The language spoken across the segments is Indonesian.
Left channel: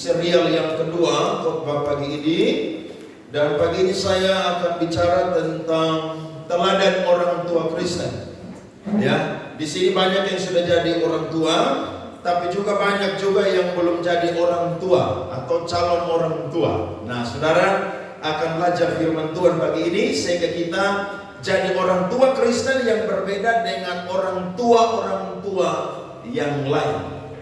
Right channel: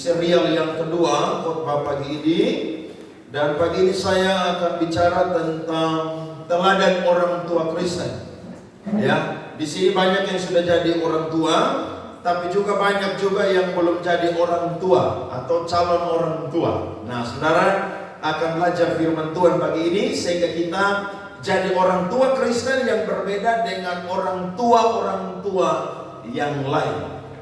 serial yang kedua khotbah pagi ini. Dan pagi ini saya akan bicara tentang teladan orang tua Kristen. Ya, di sini banyak yang sudah jadi orang tua, tapi juga banyak juga yang belum jadi orang tua atau calon orang tua. Nah, saudara akan belajar firman Tuhan pagi ini sehingga kita jadi orang tua Kristen yang berbeda dengan orang tua yang lain.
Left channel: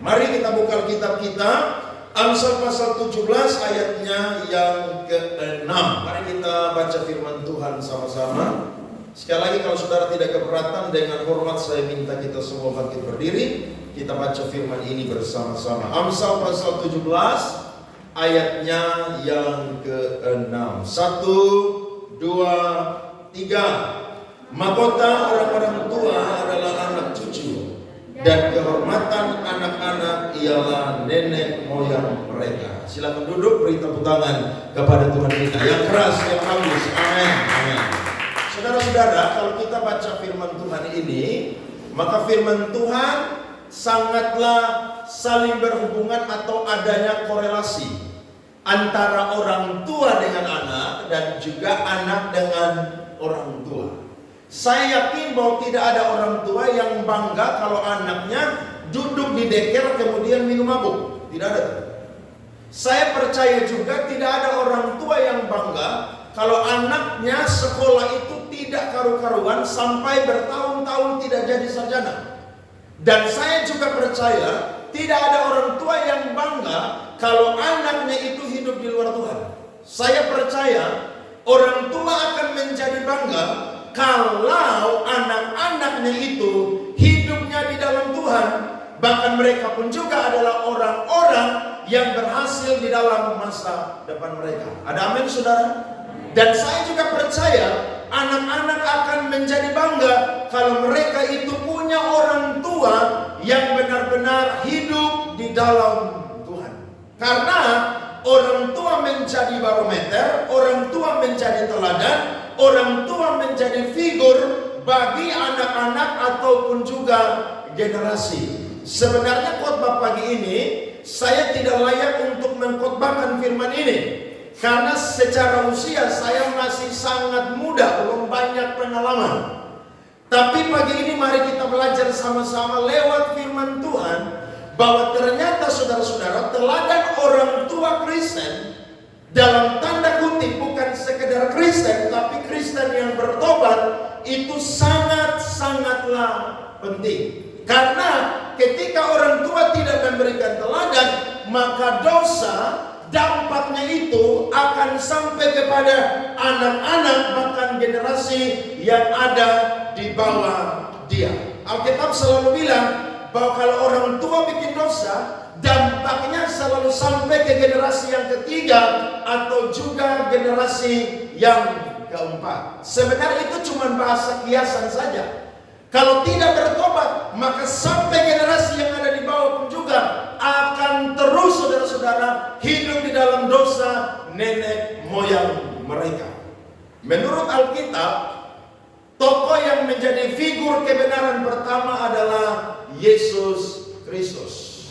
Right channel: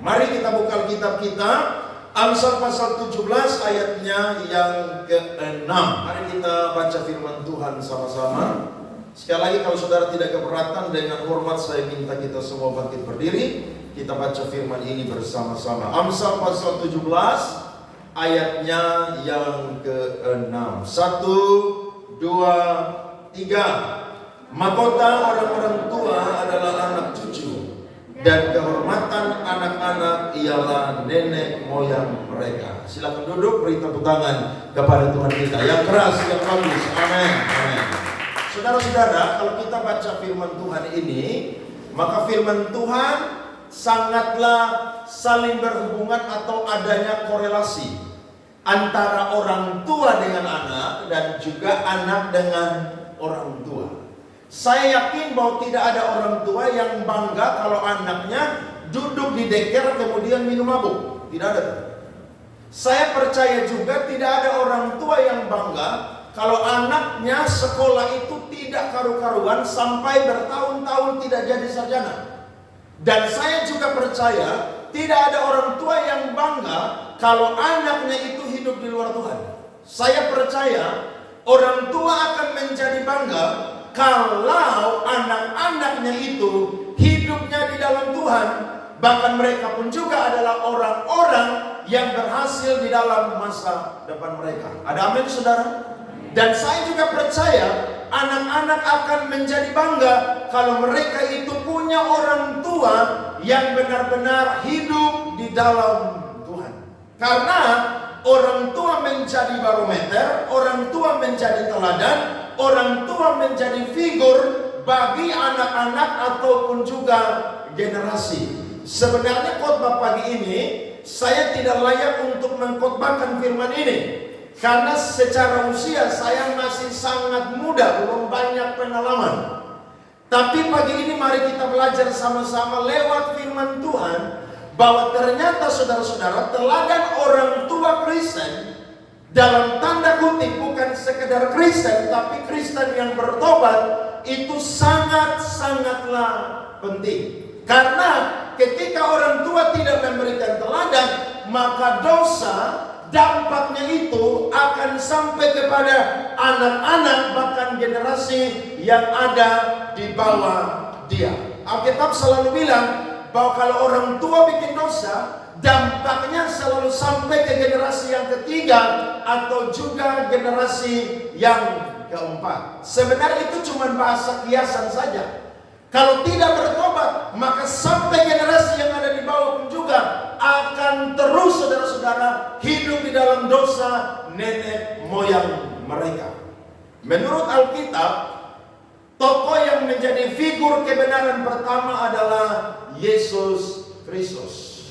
Mari kita buka kitab kita, Amsal pasal 17 ayatnya yang ke-6. Mari kita baca firman Tuhan sama-sama. Sekali lagi kalau saudara tidak keberatan, dengan hormat saya minta kita semua bangkit berdiri. Kita baca firman ini bersama-sama. Amsal pasal 17 ayatnya yang ke-6. 1, 2, 3. Mahkota orang-orang tua adalah anak cucu, dan kehormatan anak-anak ialah nenek moyang mereka. Silakan duduk, beri tepuk tangan kepada Tuhan kita yang keras, yang bagus. Amin. Amin. Saudara-saudara, kalau kita baca firman Tuhan ini, maka firman Tuhan sangatlah saling berhubungan atau adanya korelasi antara orang tua dengan anak dan juga anak dengan orang tua. Saya yakin bahwa tidak ada orang tua yang bangga kalau anaknya duduk di deker kemudian minum mabuk. Tidak ada. Saya percaya juga tidak ada orang tua yang bangga kalau anaknya sekolah itu tidak karu-karuan sampai bertahun-tahun tidak jadi sarjana. Dan saya juga percaya tidak ada orang tua yang bangga kalau anaknya itu hidup di luar Tuhan. Saya percaya orang tua akan menjadi bangga kalau anak-anaknya itu hidupnya di dalam Tuhan. Bahkan mereka pun juga adalah orang-orang yang berhasil di dalam masa depan mereka. Ada amin, saudara? Dan saya juga percaya anak-anak akan menjadi bangga kalau mereka itu punya orang tua yang benar-benar hidup di dalam Tuhan. Karena orang tua menjadi barometer, orang tua menjadi teladan, orang tua menjadi figur bagi anak-anak ataupun juga generasi. Sebenarnya khotbah pagi ini saya tidak layak untuk mengkhotbahkan firman ini, karena secara usia saya masih sangat muda, belum banyak pengalaman. Tapi pagi ini mari kita belajar sama-sama lewat firman Tuhan bahwa ternyata saudara-saudara, teladan orang tua Kristen, dalam tanda kutip bukan sekedar Kristen, tapi Kristen yang bertobat, itu sangat-sangatlah penting. Karena ketika orang tua tidak memberikan teladan, maka dosa dampaknya itu akan sampai kepada anak-anak, bahkan generasi yang ada di bawah dia. Alkitab selalu bilang bahwa kalau orang tua bikin dosa, dampaknya selalu sampai ke generasi yang ketiga atau juga generasi yang keempat. Sebenarnya itu cuma bahasa kiasan saja. Kalau tidak bertobat, maka sampai generasi yang ada di bawah pun juga akan terus saudara-saudara hidup di dalam dosa nenek moyang mereka. Menurut Alkitab, tokoh yang menjadi figur kebenaran pertama adalah Yesus Kristus.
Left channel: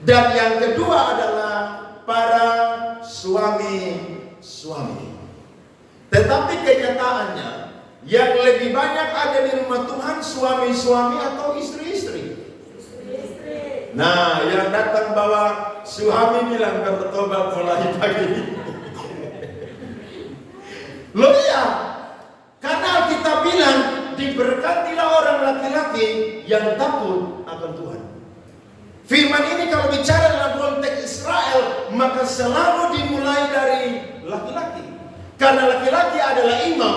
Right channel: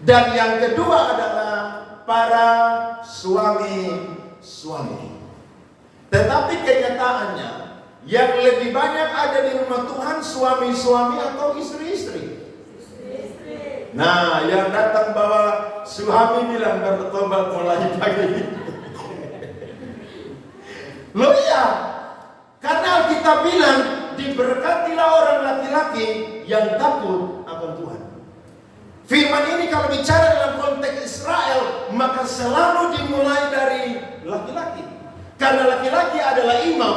Dan yang kedua adalah para suami-suami. Tetapi kenyataannya yang lebih banyak ada di rumah Tuhan suami-suami atau istri-istri. Nah, yang datang bawa suami bilang bertobat mulai pagi ini. Loh iya, karena kita bilang diberkatilah orang laki-laki yang takut akan Tuhan. Firman ini kalau bicara dalam konteks Israel, maka selalu dimulai dari laki-laki. Karena laki-laki adalah imam,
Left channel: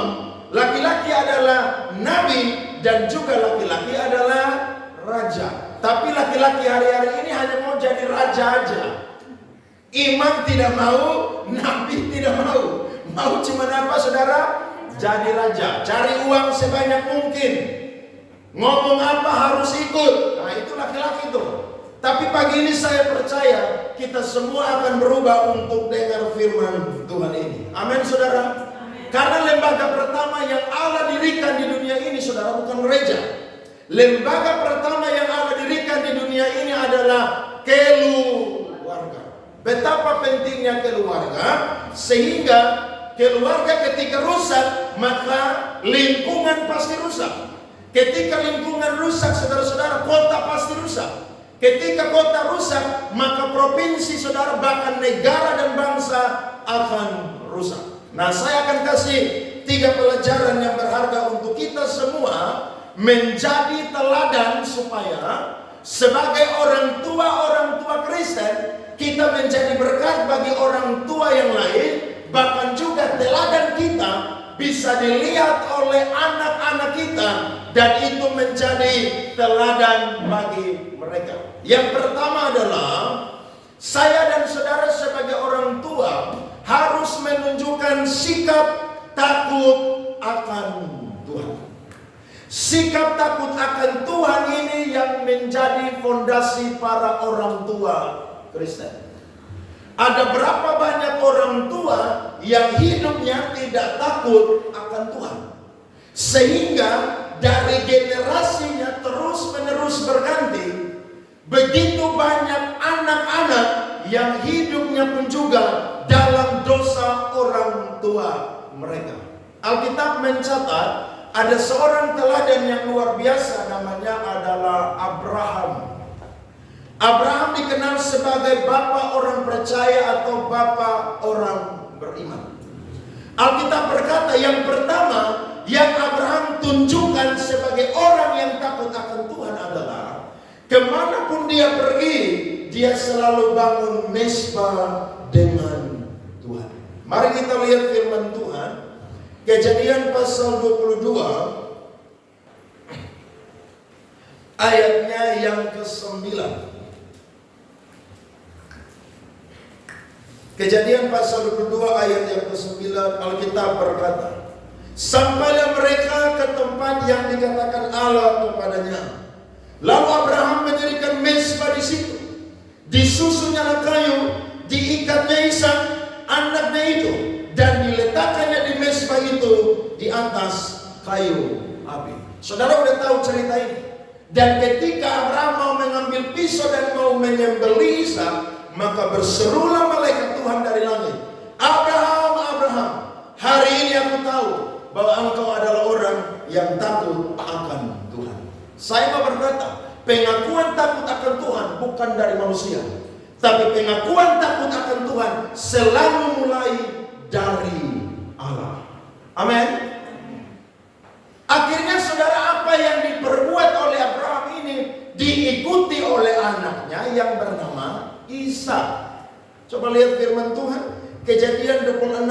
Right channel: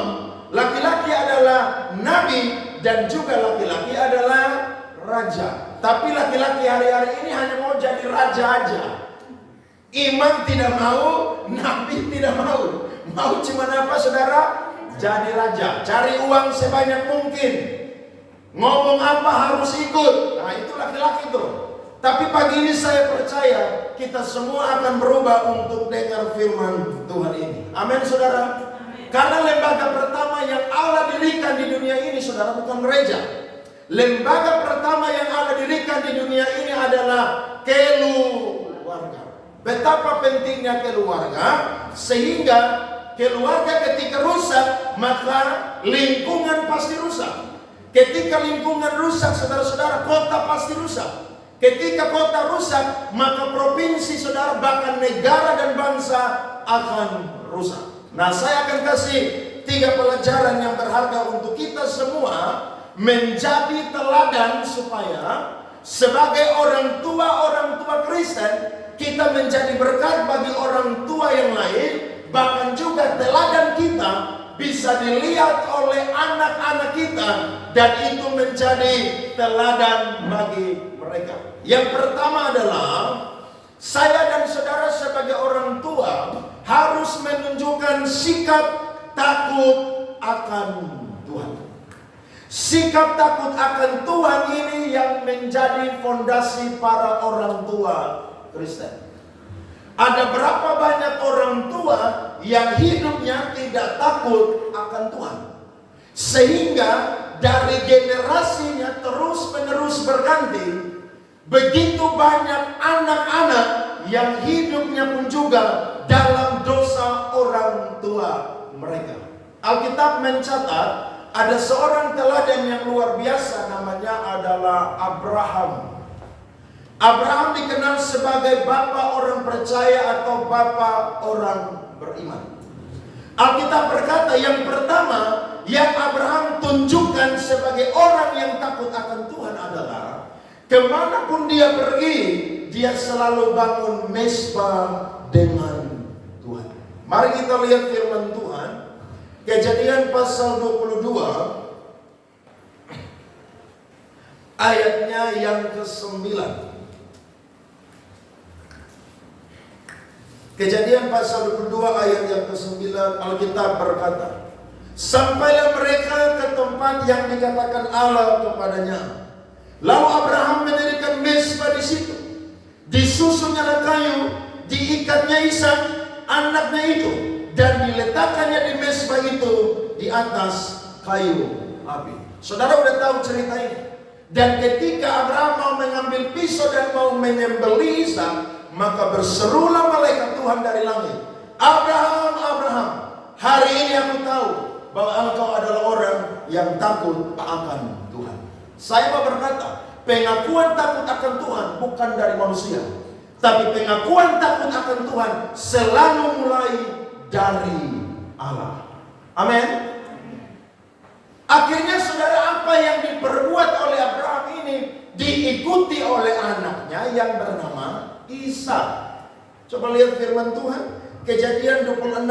laki-laki adalah nabi, dan juga laki-laki adalah raja. Tapi laki-laki hari-hari ini hanya mau jadi raja aja. Imam tidak mau, nabi tidak mau. Mau cuma apa saudara? Jadi raja. Cari uang sebanyak mungkin. Ngomong apa harus ikut. Nah itu laki-laki tuh. Tapi pagi ini saya percaya kita semua akan berubah untuk dengar firman Tuhan ini. Amin saudara. Karena lembaga pertama yang Allah dirikan di dunia ini saudara bukan gereja. Lembaga pertama yang Allah dirikan di dunia ini adalah keluarga. betapa pentingnya keluarga, sehingga keluarga ketika rusak, maka lingkungan pasti rusak. Ketika lingkungan rusak, saudara-saudara, kota pasti rusak. Ketika kota rusak, maka provinsi, saudara, bahkan negara dan bangsa akan rusak. Nah, saya akan kasih 3 pelajaran yang berharga untuk kita semua menjadi teladan, supaya sebagai orang tua Kristen, kita menjadi berkat bagi orang tua yang lain. Bahkan juga teladan kita bisa dilihat oleh anak-anak kita, dan itu menjadi teladan bagi mereka. Yang pertama adalah, saya dan saudara sebagai orang tua harus menunjukkan sikap takut akan Tuhan. Sikap takut akan Tuhan ini yang menjadi fondasi para orang tua Kristen. Ada berapa banyak orang tua yang hidupnya tidak takut akan Tuhan, sehingga dari generasinya terus-menerus berganti. Begitu banyak anak-anak yang hidupnya pun juga dalam dosa orang tua mereka. Alkitab mencatat ada seorang teladan yang luar biasa, namanya adalah Abraham. Abraham dikenal sebagai bapa orang percaya atau bapa orang beriman. Alkitab berkata yang pertama yang Abraham tunjukkan sebagai orang yang takut akan Tuhan adalah, kemanapun dia pergi, dia selalu bangun mezbah dengan Tuhan. Mari kita lihat firman Tuhan, Kejadian pasal 22 ayatnya yang ke-9. Kejadian pasal 22 ayat yang ke-9, Alkitab berkata, sampailah mereka ke tempat yang dikatakan Allah kepadanya. Lalu Abraham mendirikan mezbah di situ. Disusunnya kayu, diikatnya Ishak anaknya itu, dan diletakkannya di mezbah itu di atas kayu api. Saudara udah tahu cerita ini. Dan ketika Abraham mau mengambil pisau dan mau menyembelih Ishak, maka berserulah malaikat Tuhan dari langit, Abraham, Abraham, hari ini aku tahu bahwa engkau adalah orang yang takut akan Tuhan. Saya mau berkata, pengakuan takut akan Tuhan bukan dari manusia, tapi pengakuan takut akan Tuhan selalu mulai dari Allah. Amin. Akhirnya saudara, apa yang diperbuat oleh Abraham ini diikuti oleh anaknya yang bernama Ishak. Coba lihat firman Tuhan, Kejadian 26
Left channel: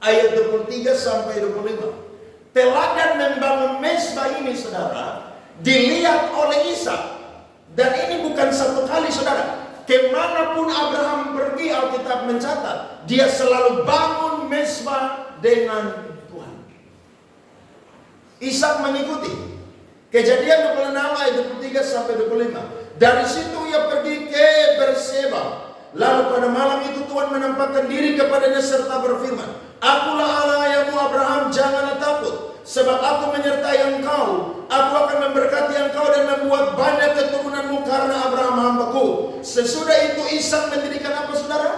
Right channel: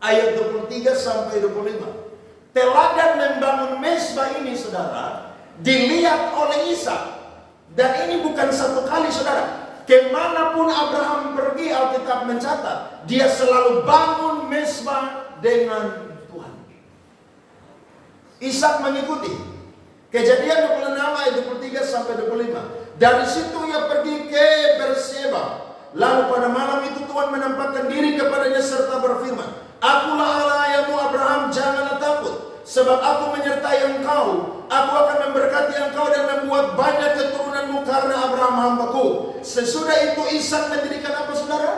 ayat 23 sampai 25. Teladan membangun mezbah ini, saudara, dilihat oleh Ishak. Dan ini bukan satu kali, saudara. Kemanapun Abraham pergi, Alkitab mencatat, dia selalu bangun mezbah dengan Tuhan. Ishak mengikuti. Kejadian 26 ayat 23 sampai 25. Dari situ ia pergi ke Berseba. Lalu pada malam itu Tuhan menampakkan diri kepadanya serta berfirman, Akulah Allah ayahmu Abraham, janganlah takut, sebab aku menyertai engkau. Aku akan memberkati engkau dan membuat banyak keturunanmu karena Abraham hambaku. Sesudah itu Ishak mendirikan apa, saudara?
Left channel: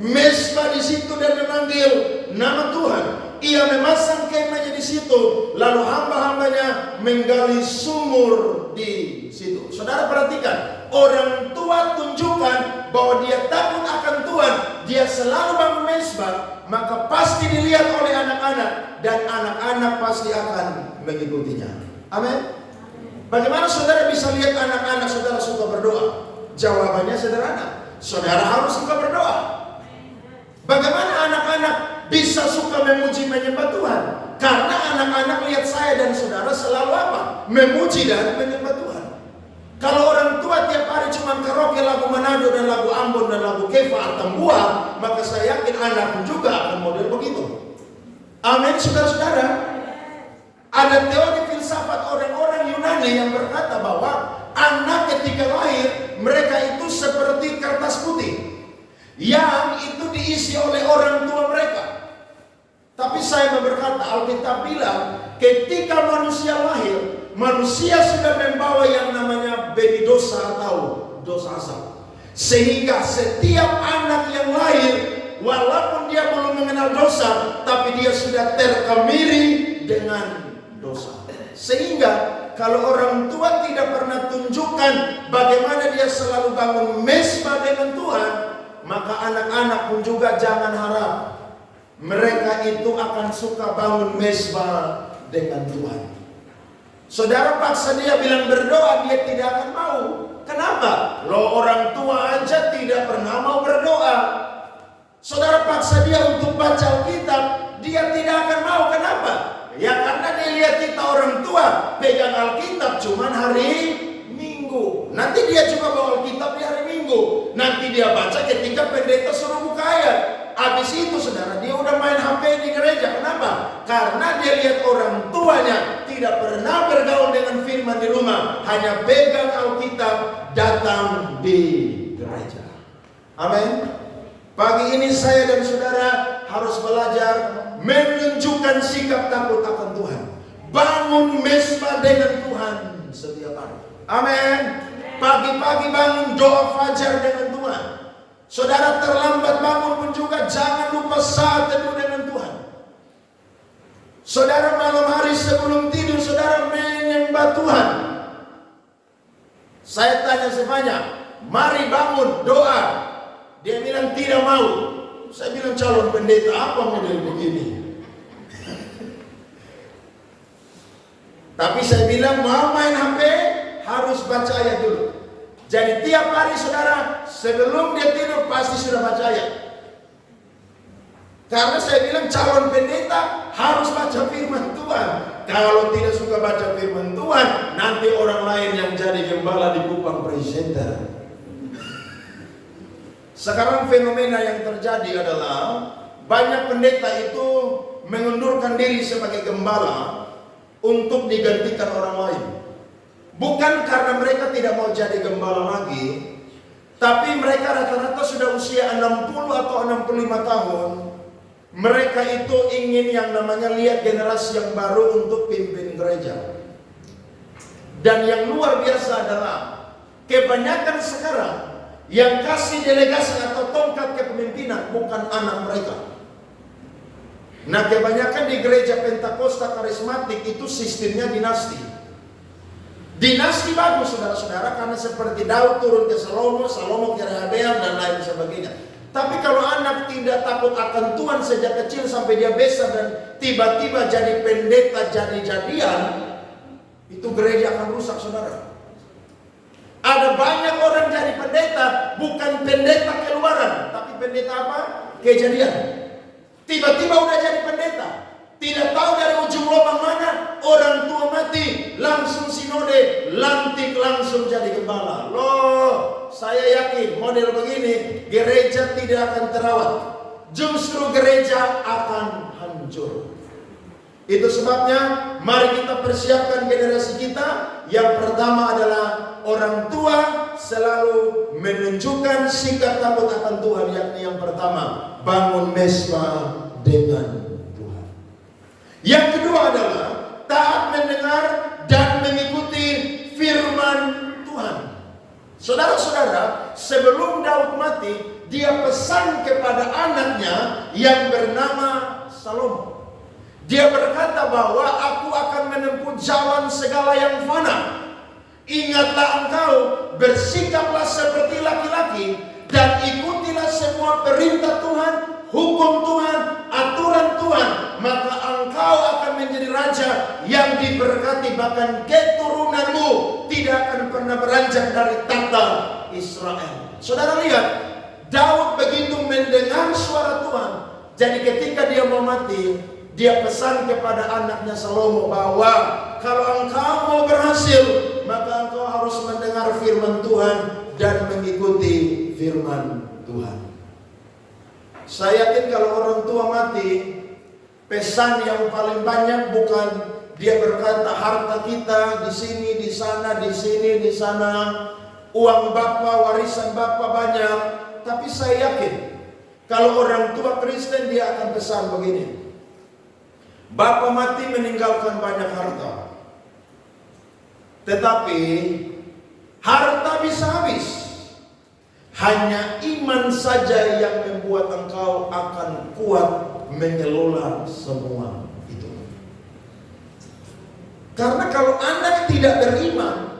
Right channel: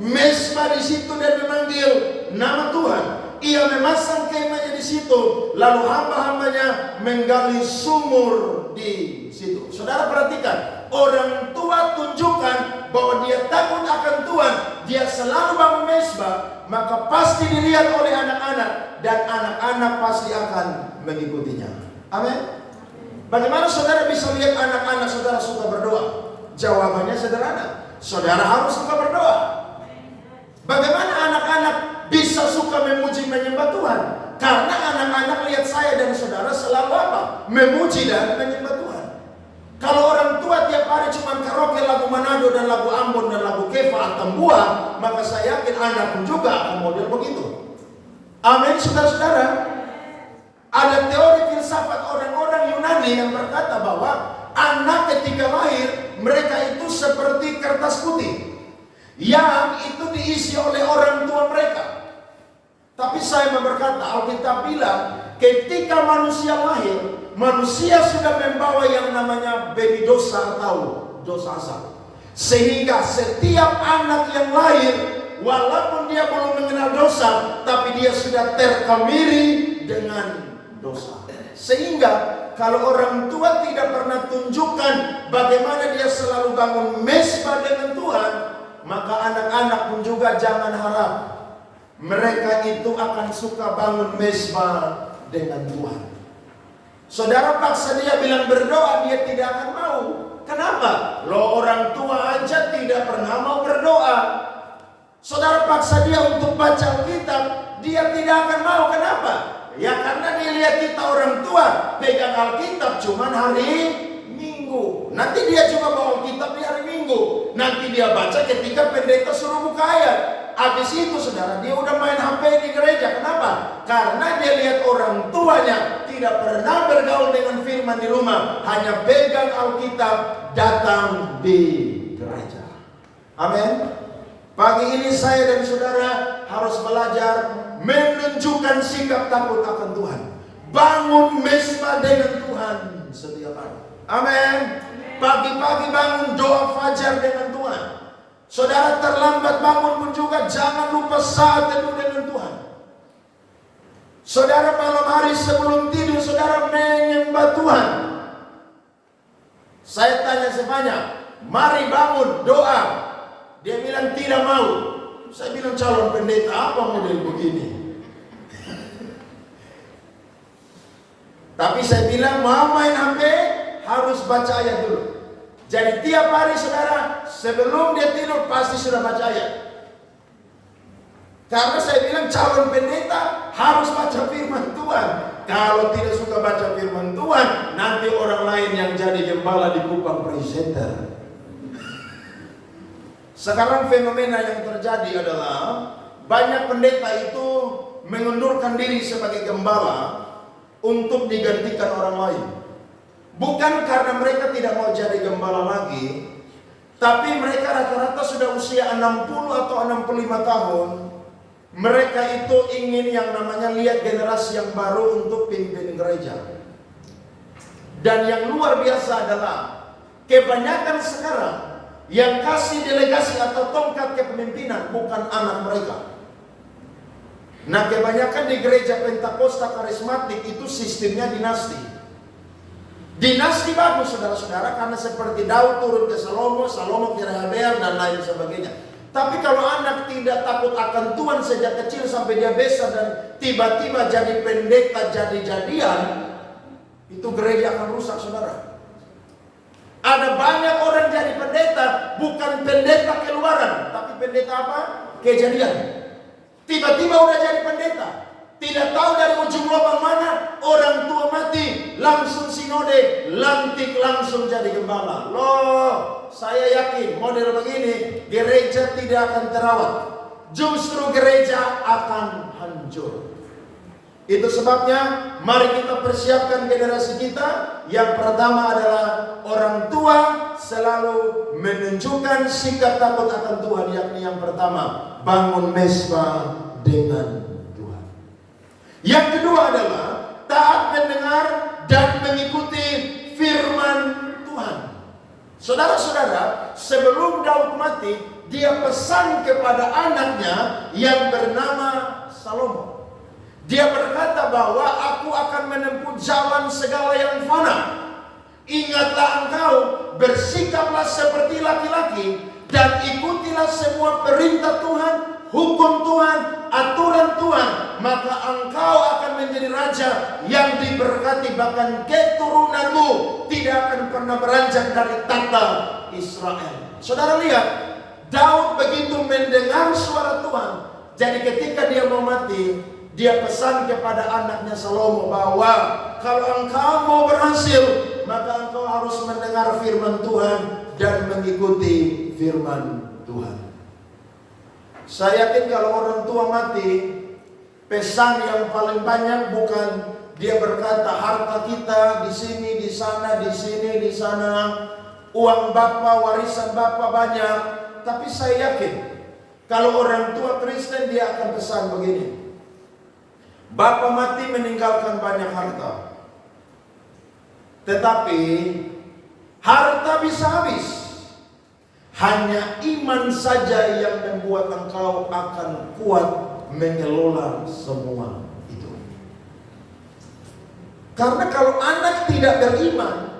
Mezbah di situ dan memanggil nama Tuhan. Ia memasang kemahnya di situ, lalu hamba-hambanya menggali sumur di situ. Saudara perhatikan, orang tua tunjukkan bahwa dia takut akan Tuhan, dia selalu bangun mezbah, maka pasti dilihat oleh anak-anak, dan anak-anak pasti akan mengikutinya. Amin. Bagaimana saudara bisa lihat anak-anak saudara suka berdoa? Jawabannya sederhana, saudara harus suka berdoa. Bagaimana anak-anak bisa suka memuji menyembah Tuhan? Karena anak-anak lihat saya dan saudara selalu apa? Memuji dan menyembah Tuhan. Kalau orang tua tiap hari cuma karaoke lagu Manado dan lagu Ambon dan lagu Keva atau Buah, maka saya yakin anak pun juga akan model begitu. Amin, saudara-saudara. Ada teori filsafat orang-orang Yunani yang berkata bahwa anak ketika lahir, mereka itu seperti kertas putih yang itu diisi oleh orang tua mereka. Tapi saya mau berkata, Alkitab bilang ketika manusia lahir, manusia sudah membawa yang namanya baby dosa atau dosa asal. Sehingga setiap anak yang lahir, walaupun dia belum mengenal dosa, tapi dia sudah terkemiri dengan dosa. Sehingga kalau orang tua tidak pernah tunjukkan bagaimana dia selalu bangun mesbah dengan Tuhan, maka anak-anak pun juga jangan harap mereka itu akan suka bangun mesbah dengan Tuhan. Saudara paksa dia bilang berdoa, dia tidak akan mau. Kenapa? Loh, orang tua aja tidak pernah mau berdoa. Saudara paksa dia untuk baca Alkitab, dia tidak akan mau. Kenapa? Ya karena dia lihat kita orang tua pegang Alkitab cuman hari Minggu. Nanti dia juga bawa Alkitab di hari Minggu. Nanti dia baca ketika pendeta suruh buka ayat. Habis itu saudara, dia udah main HP di gereja. Kenapa? Karena dia lihat orang tuanya tidak pernah bergaul dengan firman di rumah, hanya pegang Alkitab, datang di gereja. Amin. Pagi ini saya dan saudara harus belajar menunjukkan sikap takut akan Tuhan. Bangun mesbah dengan Tuhan setiap hari. Amin. Pagi-pagi bangun doa fajar dengan Tuhan. Saudara terlambat bangun pun juga jangan lupa saat teduh dengan Tuhan. Saudara malam hari sebelum tidur saudara menyembah Tuhan. Saya tanya semuanya, mari bangun doa. Dia bilang tidak mau. Saya bilang calon pendeta apa model begini? Tapi saya bilang mau main HP harus baca ayat dulu. Jadi tiap hari saudara sebelum dia tidur pasti sudah baca ayat. Karena saya bilang calon pendeta harus baca firman Tuhan. Kalau tidak suka baca firman Tuhan, nanti orang lain yang jadi gembala di Kupang presenter. Sekarang fenomena yang terjadi adalah banyak pendeta itu mengundurkan diri sebagai gembala untuk digantikan orang lain. Bukan karena mereka tidak mau jadi gembala lagi, tapi mereka rata-rata sudah usia 60 atau 65 tahun. Mereka itu ingin yang namanya lihat generasi yang baru untuk pimpin gereja. Dan yang luar biasa adalah kebanyakan sekarang yang kasih delegasi atau tongkat kepemimpinan bukan anak mereka. Nah, kebanyakan di gereja Pentakosta karismatik itu sistemnya dinasti. Dinasti bagus saudara-saudara, karena seperti Daud turun ke Salomo, Salomo ke Rehabeam dan lain sebagainya. Tapi kalau anak tidak takut akan Tuhan sejak kecil sampai dia besar dan tiba-tiba jadi pendeta jadi-jadian, itu gereja akan rusak saudara. Ada banyak orang jadi pendeta, bukan pendeta keluaran, tapi pendeta apa? Kejadian. Tiba-tiba udah jadi pendeta. Tidak tahu dari ujung lubang mana, orang tua mati, langsung sinode, lantik langsung jadi gembala. Loh, saya yakin model begini gereja tidak akan terawat. Justru gereja akan hancur. Itu sebabnya mari kita persiapkan generasi kita. Yang pertama adalah orang tua selalu menunjukkan sikap takut akan Tuhan, yakni yang pertama bangun mesbah dengan Tuhan. Yang kedua adalah taat mendengar dan mengikuti firman Tuhan. Saudara-saudara, sebelum Daud mati, dia pesan kepada anaknya yang bernama Salomo. Dia berkata bahwa aku akan menempuh jalan segala yang fana. Ingatlah engkau, bersikaplah seperti laki-laki dan ikutilah semua perintah Tuhan, hukum Tuhan, aturan Tuhan, maka engkau akan menjadi raja yang diberkati, bahkan keturunanmu tidak akan pernah beranjak dari tata Israel. Saudara lihat, Daud begitu mendengar suara Tuhan. Jadi ketika dia mau mati, dia pesan kepada anaknya Salomo bahwa kalau engkau mau berhasil, maka engkau harus mendengar firman Tuhan dan mengikuti firman Tuhan. Saya yakin kalau orang tua mati, pesan yang paling banyak bukan dia berkata harta kita di sini, di sana, di sini, di sana, uang bapa, warisan bapa banyak. Tapi saya yakin kalau orang tua Kristen dia akan pesan begini. Bapa mati meninggalkan banyak harta, tetapi harta bisa habis, Hanya iman saja yang membuat engkau akan kuat mengelola semua itu. Karena kalau anak tidak beriman,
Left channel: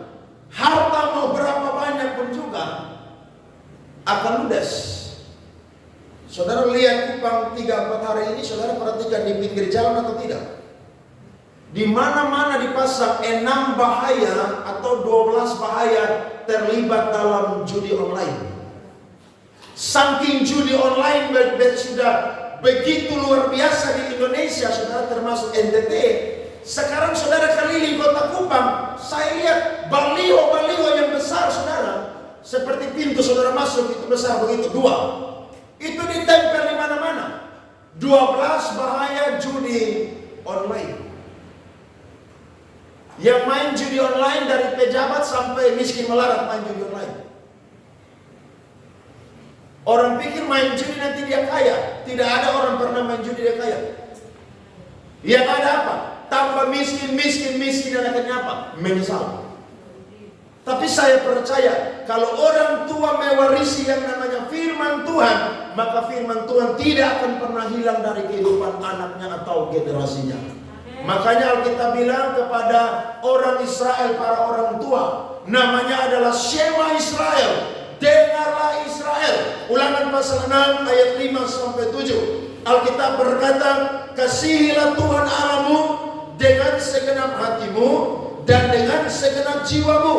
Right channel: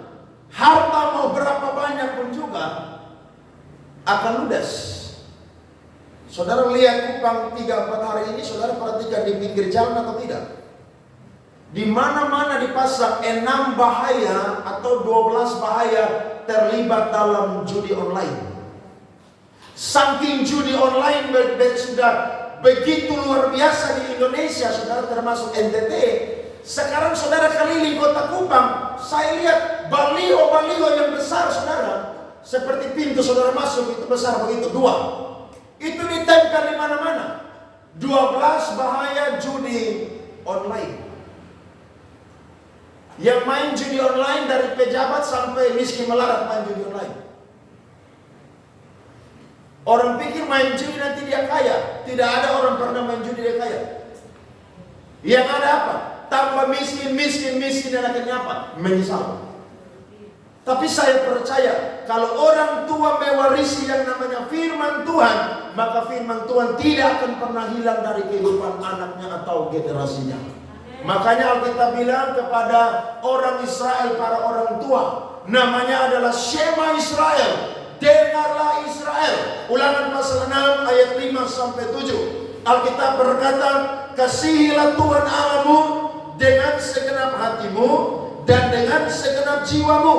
harta mau berapa banyak pun juga akan ludes. Saudara lihat Kupang 3-4 hari ini, saudara perhatikan di pinggir jalan atau tidak? Di mana-mana dipasang 6 bahaya atau 12 bahaya terlibat dalam judi online. Saking judi online sudah begitu luar biasa di Indonesia, saudara, termasuk NTT. Sekarang saudara keliling kota Kupang, saya lihat baliho-baliho yang besar, saudara. Seperti pintu saudara masuk itu besar begitu, 2. Itu ditempel di mana-mana. 12 bahaya judi online. Yang main judi online dari pejabat sampai miskin melarat main judi online. Orang pikir main judi nanti dia kaya. Tidak ada orang pernah main judi dia kaya. Yang ada apa? Tambah miskin dan akhirnya apa? Menyesal. Tapi saya percaya kalau orang tua mewarisi yang namanya firman Tuhan, maka firman Tuhan tidak akan pernah hilang dari kehidupan anaknya atau generasinya. Makanya Alkitab bilang kepada orang Israel, para orang tua, namanya adalah Shema Israel. Dengarlah Israel. Ulangan pasal 6 ayat 5-7. Alkitab berkata, kasihilah Tuhan Allahmu dengan segenap hatimu dan dengan segenap jiwamu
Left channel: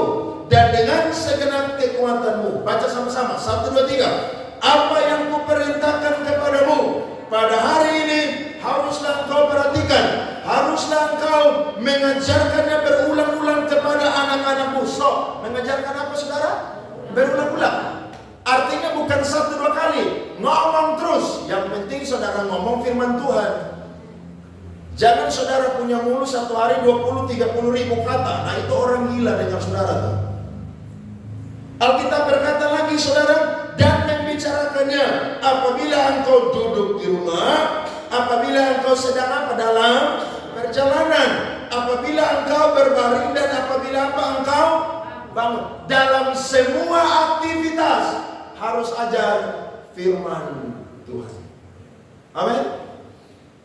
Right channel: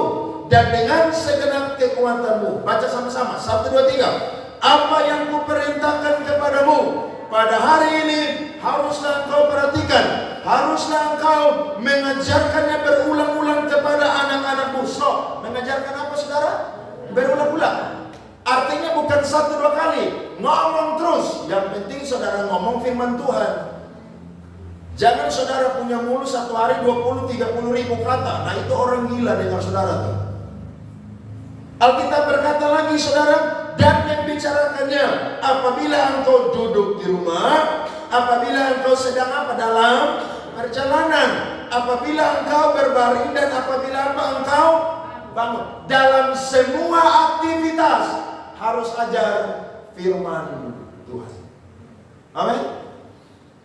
dan dengan segenap kekuatanmu. Baca sama-sama. 1, 2, 3. Apa yang kuperintahkan kepadamu pada hari ini haruslah engkau perhatikan. Haruslah engkau mengajarkannya berulang-ulang kepada anak-anakmu. So, mengajarkan apa, saudara? Berulang-ulang. Artinya bukan 1-2 kali, ngomong terus. Yang penting saudara ngomong firman Tuhan. Jangan saudara punya mulut satu hari 20-30 ribu kata. Nah itu orang gila dengan saudara tuh. Alkitab berkata lagi, saudara, dan yang bicarakannya apabila engkau duduk di rumah, apabila engkau sedang apa dalam perjalanan, apabila engkau berbaring dan apabila apa engkau bangun. Dalam semua aktivitas harus ajar firman Tuhan. Amin.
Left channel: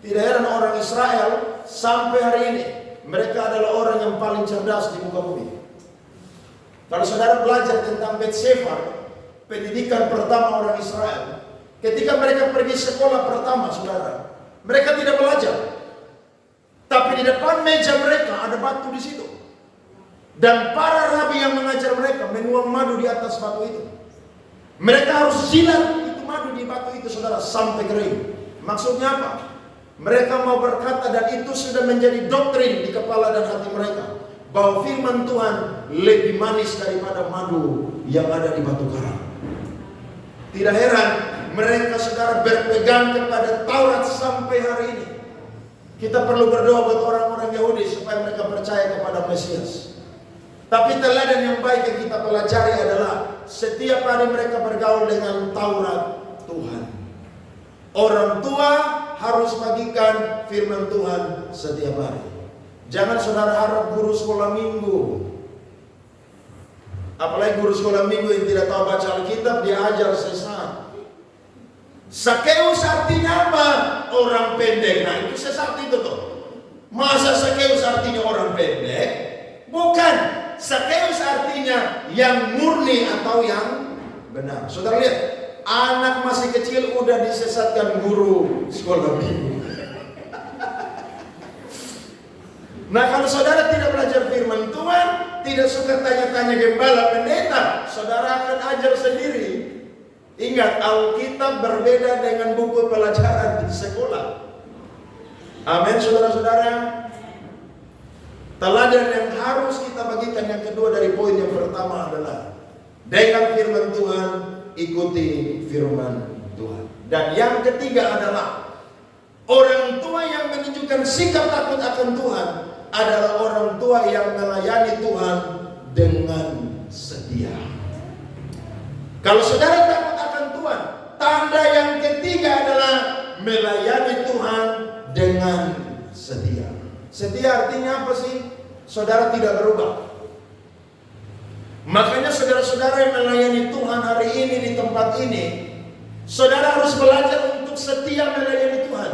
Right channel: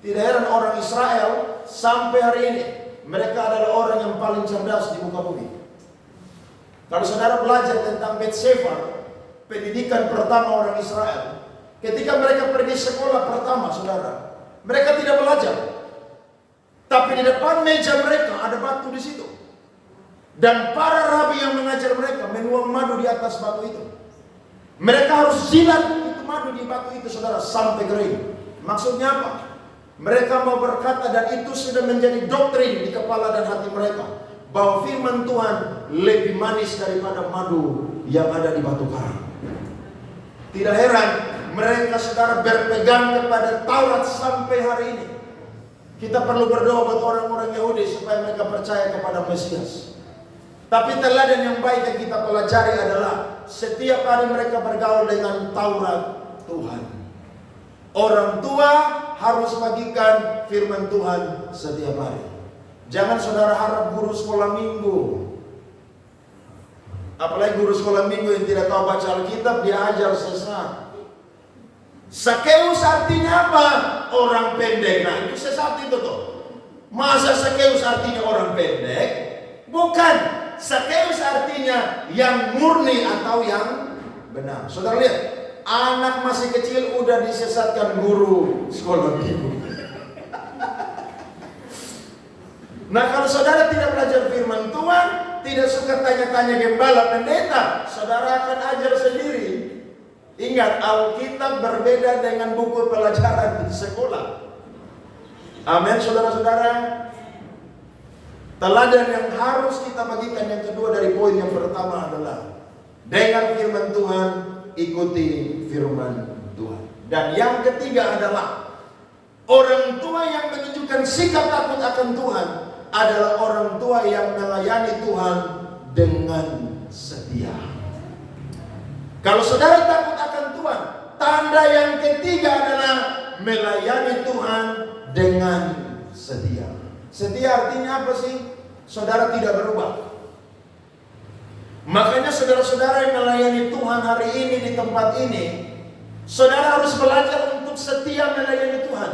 Tidak heran orang Israel sampai hari ini mereka adalah orang yang paling cerdas di muka bumi. Kalau saudara belajar tentang Bet Sefer, pendidikan pertama orang Israel, ketika mereka pergi sekolah pertama, saudara, mereka tidak belajar. Tapi di depan meja mereka ada batu di situ. Dan para rabi yang mengajar mereka menuang madu di atas batu itu. Mereka harus jilat itu madu di batu itu, saudara, sampai kering. Maksudnya apa? Mereka mau berkata, dan itu sudah menjadi doktrin di kepala dan hati mereka, bahwa firman Tuhan lebih manis daripada madu yang ada di batu karang. Tidak heran mereka, saudara, berpegang kepada Taurat sampai hari ini. Kita perlu berdoa buat orang-orang Yahudi supaya mereka percaya kepada Mesias. Tapi teladan yang baik yang kita pelajari adalah setiap hari mereka bergaul dengan Taurat Tuhan. Orang tua harus bagikan firman Tuhan setiap hari. Jangan saudara harap guru sekolah minggu, apalagi guru sekolah minggu yang tidak tahu baca Alkitab, dia ajar sesat. Sakeus artinya apa? Orang pendek. Nah itu sesat itu tuh. Masa Sakeus artinya orang pendek? Bukan. Sakeus artinya yang murni atau yang benar. Saudara lihat, anak masih kecil udah disesatkan guru sekolah minggu. Nah kalau saudara tidak belajar firman Tuhan, tidak suka tanya-tanya gembala pendeta, saudara akan ajar sendiri. Ingat, Alkitab berbeda dengan buku pelajaran di sekolah. Amin, saudara-saudara. Teladan yang harus kita bagikan yang kedua dari poin yang pertama adalah dengar firman Tuhan, ikuti firman Tuhan. Dan yang ketiga adalah orang tua yang menunjukkan sikap takut akan Tuhan adalah orang tua yang melayani Tuhan dengan setia. Kalau saudara takut akan Tuhan, tanda yang ketiga adalah melayani Tuhan dengan setia. Setia artinya apa sih? Saudara tidak berubah. Makanya saudara-saudara yang melayani Tuhan hari ini di tempat ini, saudara harus belajar untuk setia melayani Tuhan.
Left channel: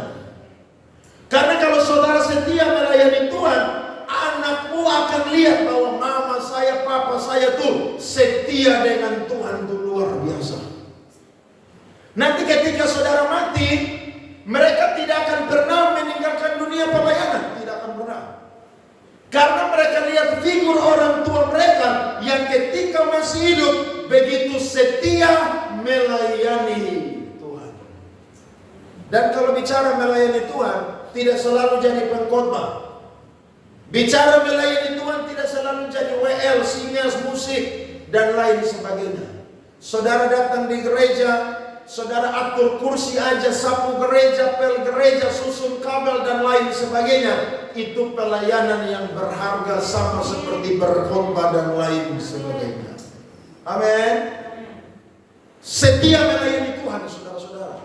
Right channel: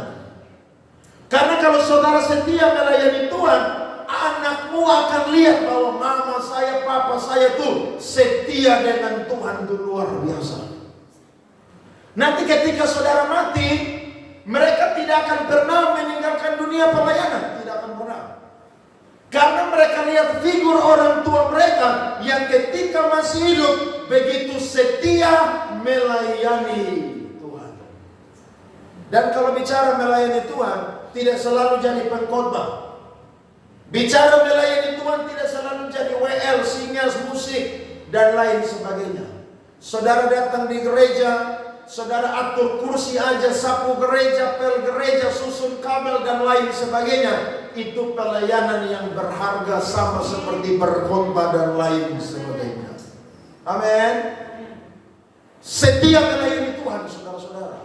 Karena kalau saudara setia melayani Tuhan, anakmu akan lihat bahwa mama saya, papa saya tuh setia dengan Tuhan tuh luar biasa. Nanti ketika saudara mati, mereka tidak akan pernah meninggalkan dunia pelayanan, tidak akan pernah. Karena mereka lihat figur orang tua mereka yang ketika masih hidup begitu setia melayani Tuhan. Dan kalau bicara melayani Tuhan, tidak selalu jadi pengkhotbah. Bicara melayani Tuhan tidak selalu jadi WL, singas, musik, dan lain sebagainya. Saudara datang di gereja, saudara atur kursi aja, sapu gereja, pel gereja, susun kabel, dan lain sebagainya. Itu pelayanan yang berharga sama seperti berkhotbah dan lain sebagainya. Amin. Setia melayani Tuhan, saudara-saudara.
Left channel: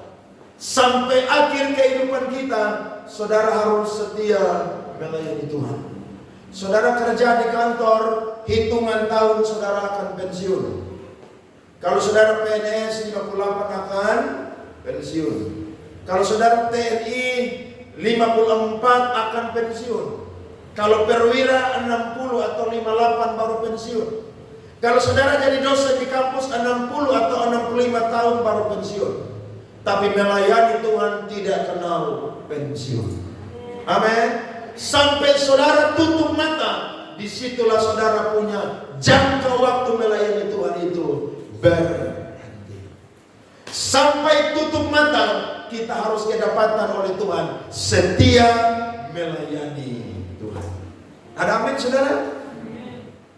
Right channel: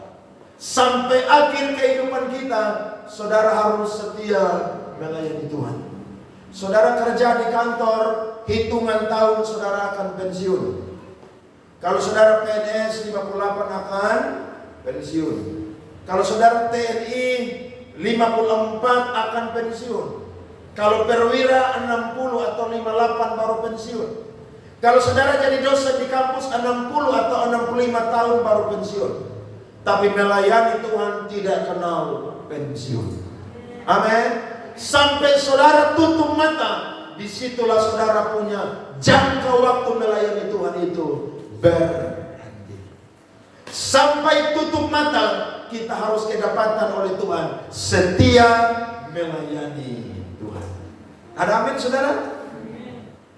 Sampai akhir kehidupan kita, saudara harus setia melayani Tuhan. Saudara kerja di kantor, hitungan tahun saudara akan pensiun. Kalau saudara PNS 58 akan pensiun. Kalau saudara TNI 54 akan pensiun. Kalau perwira 60 atau 58 baru pensiun. Kalau saudara jadi dosen di kampus 60 atau 65 tahun baru pensiun. Tapi melayani Tuhan tidak kenal pensiun. Amin. Sampai saudara tutup mata, disitulah saudara punya jangka waktu melayani Tuhan itu berhenti. Sampai tutup mata, kita harus kedapatan oleh Tuhan setia melayani Tuhan. Ada amin saudara?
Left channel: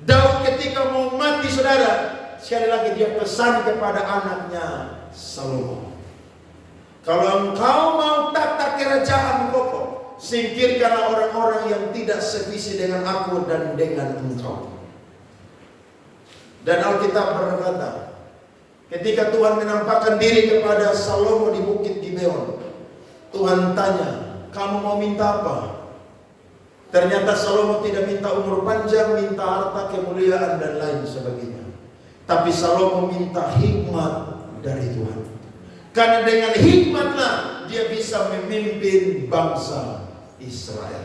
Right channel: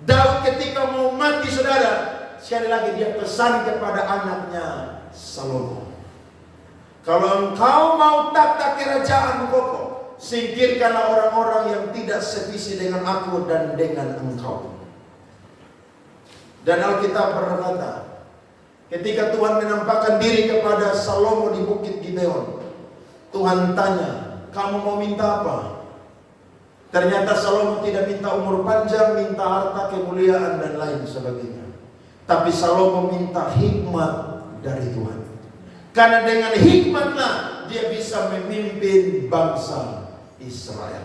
Daud ketika mau mati saudara, sekali lagi dia pesan kepada anaknya Salomo, kalau engkau mau tata kerajaan kokoh, singkirkanlah orang-orang yang tidak sevisi dengan aku dan dengan engkau. Dan Alkitab berkata, ketika Tuhan menampakkan diri kepada Salomo di Bukit Gibeon, Tuhan tanya, kamu mau minta apa? Ternyata Salomo tidak minta umur panjang, minta harta, kemuliaan, dan lain sebagainya. Tapi Salomo minta hikmat dari Tuhan. Karena dengan hikmatlah dia bisa memimpin bangsa Israel.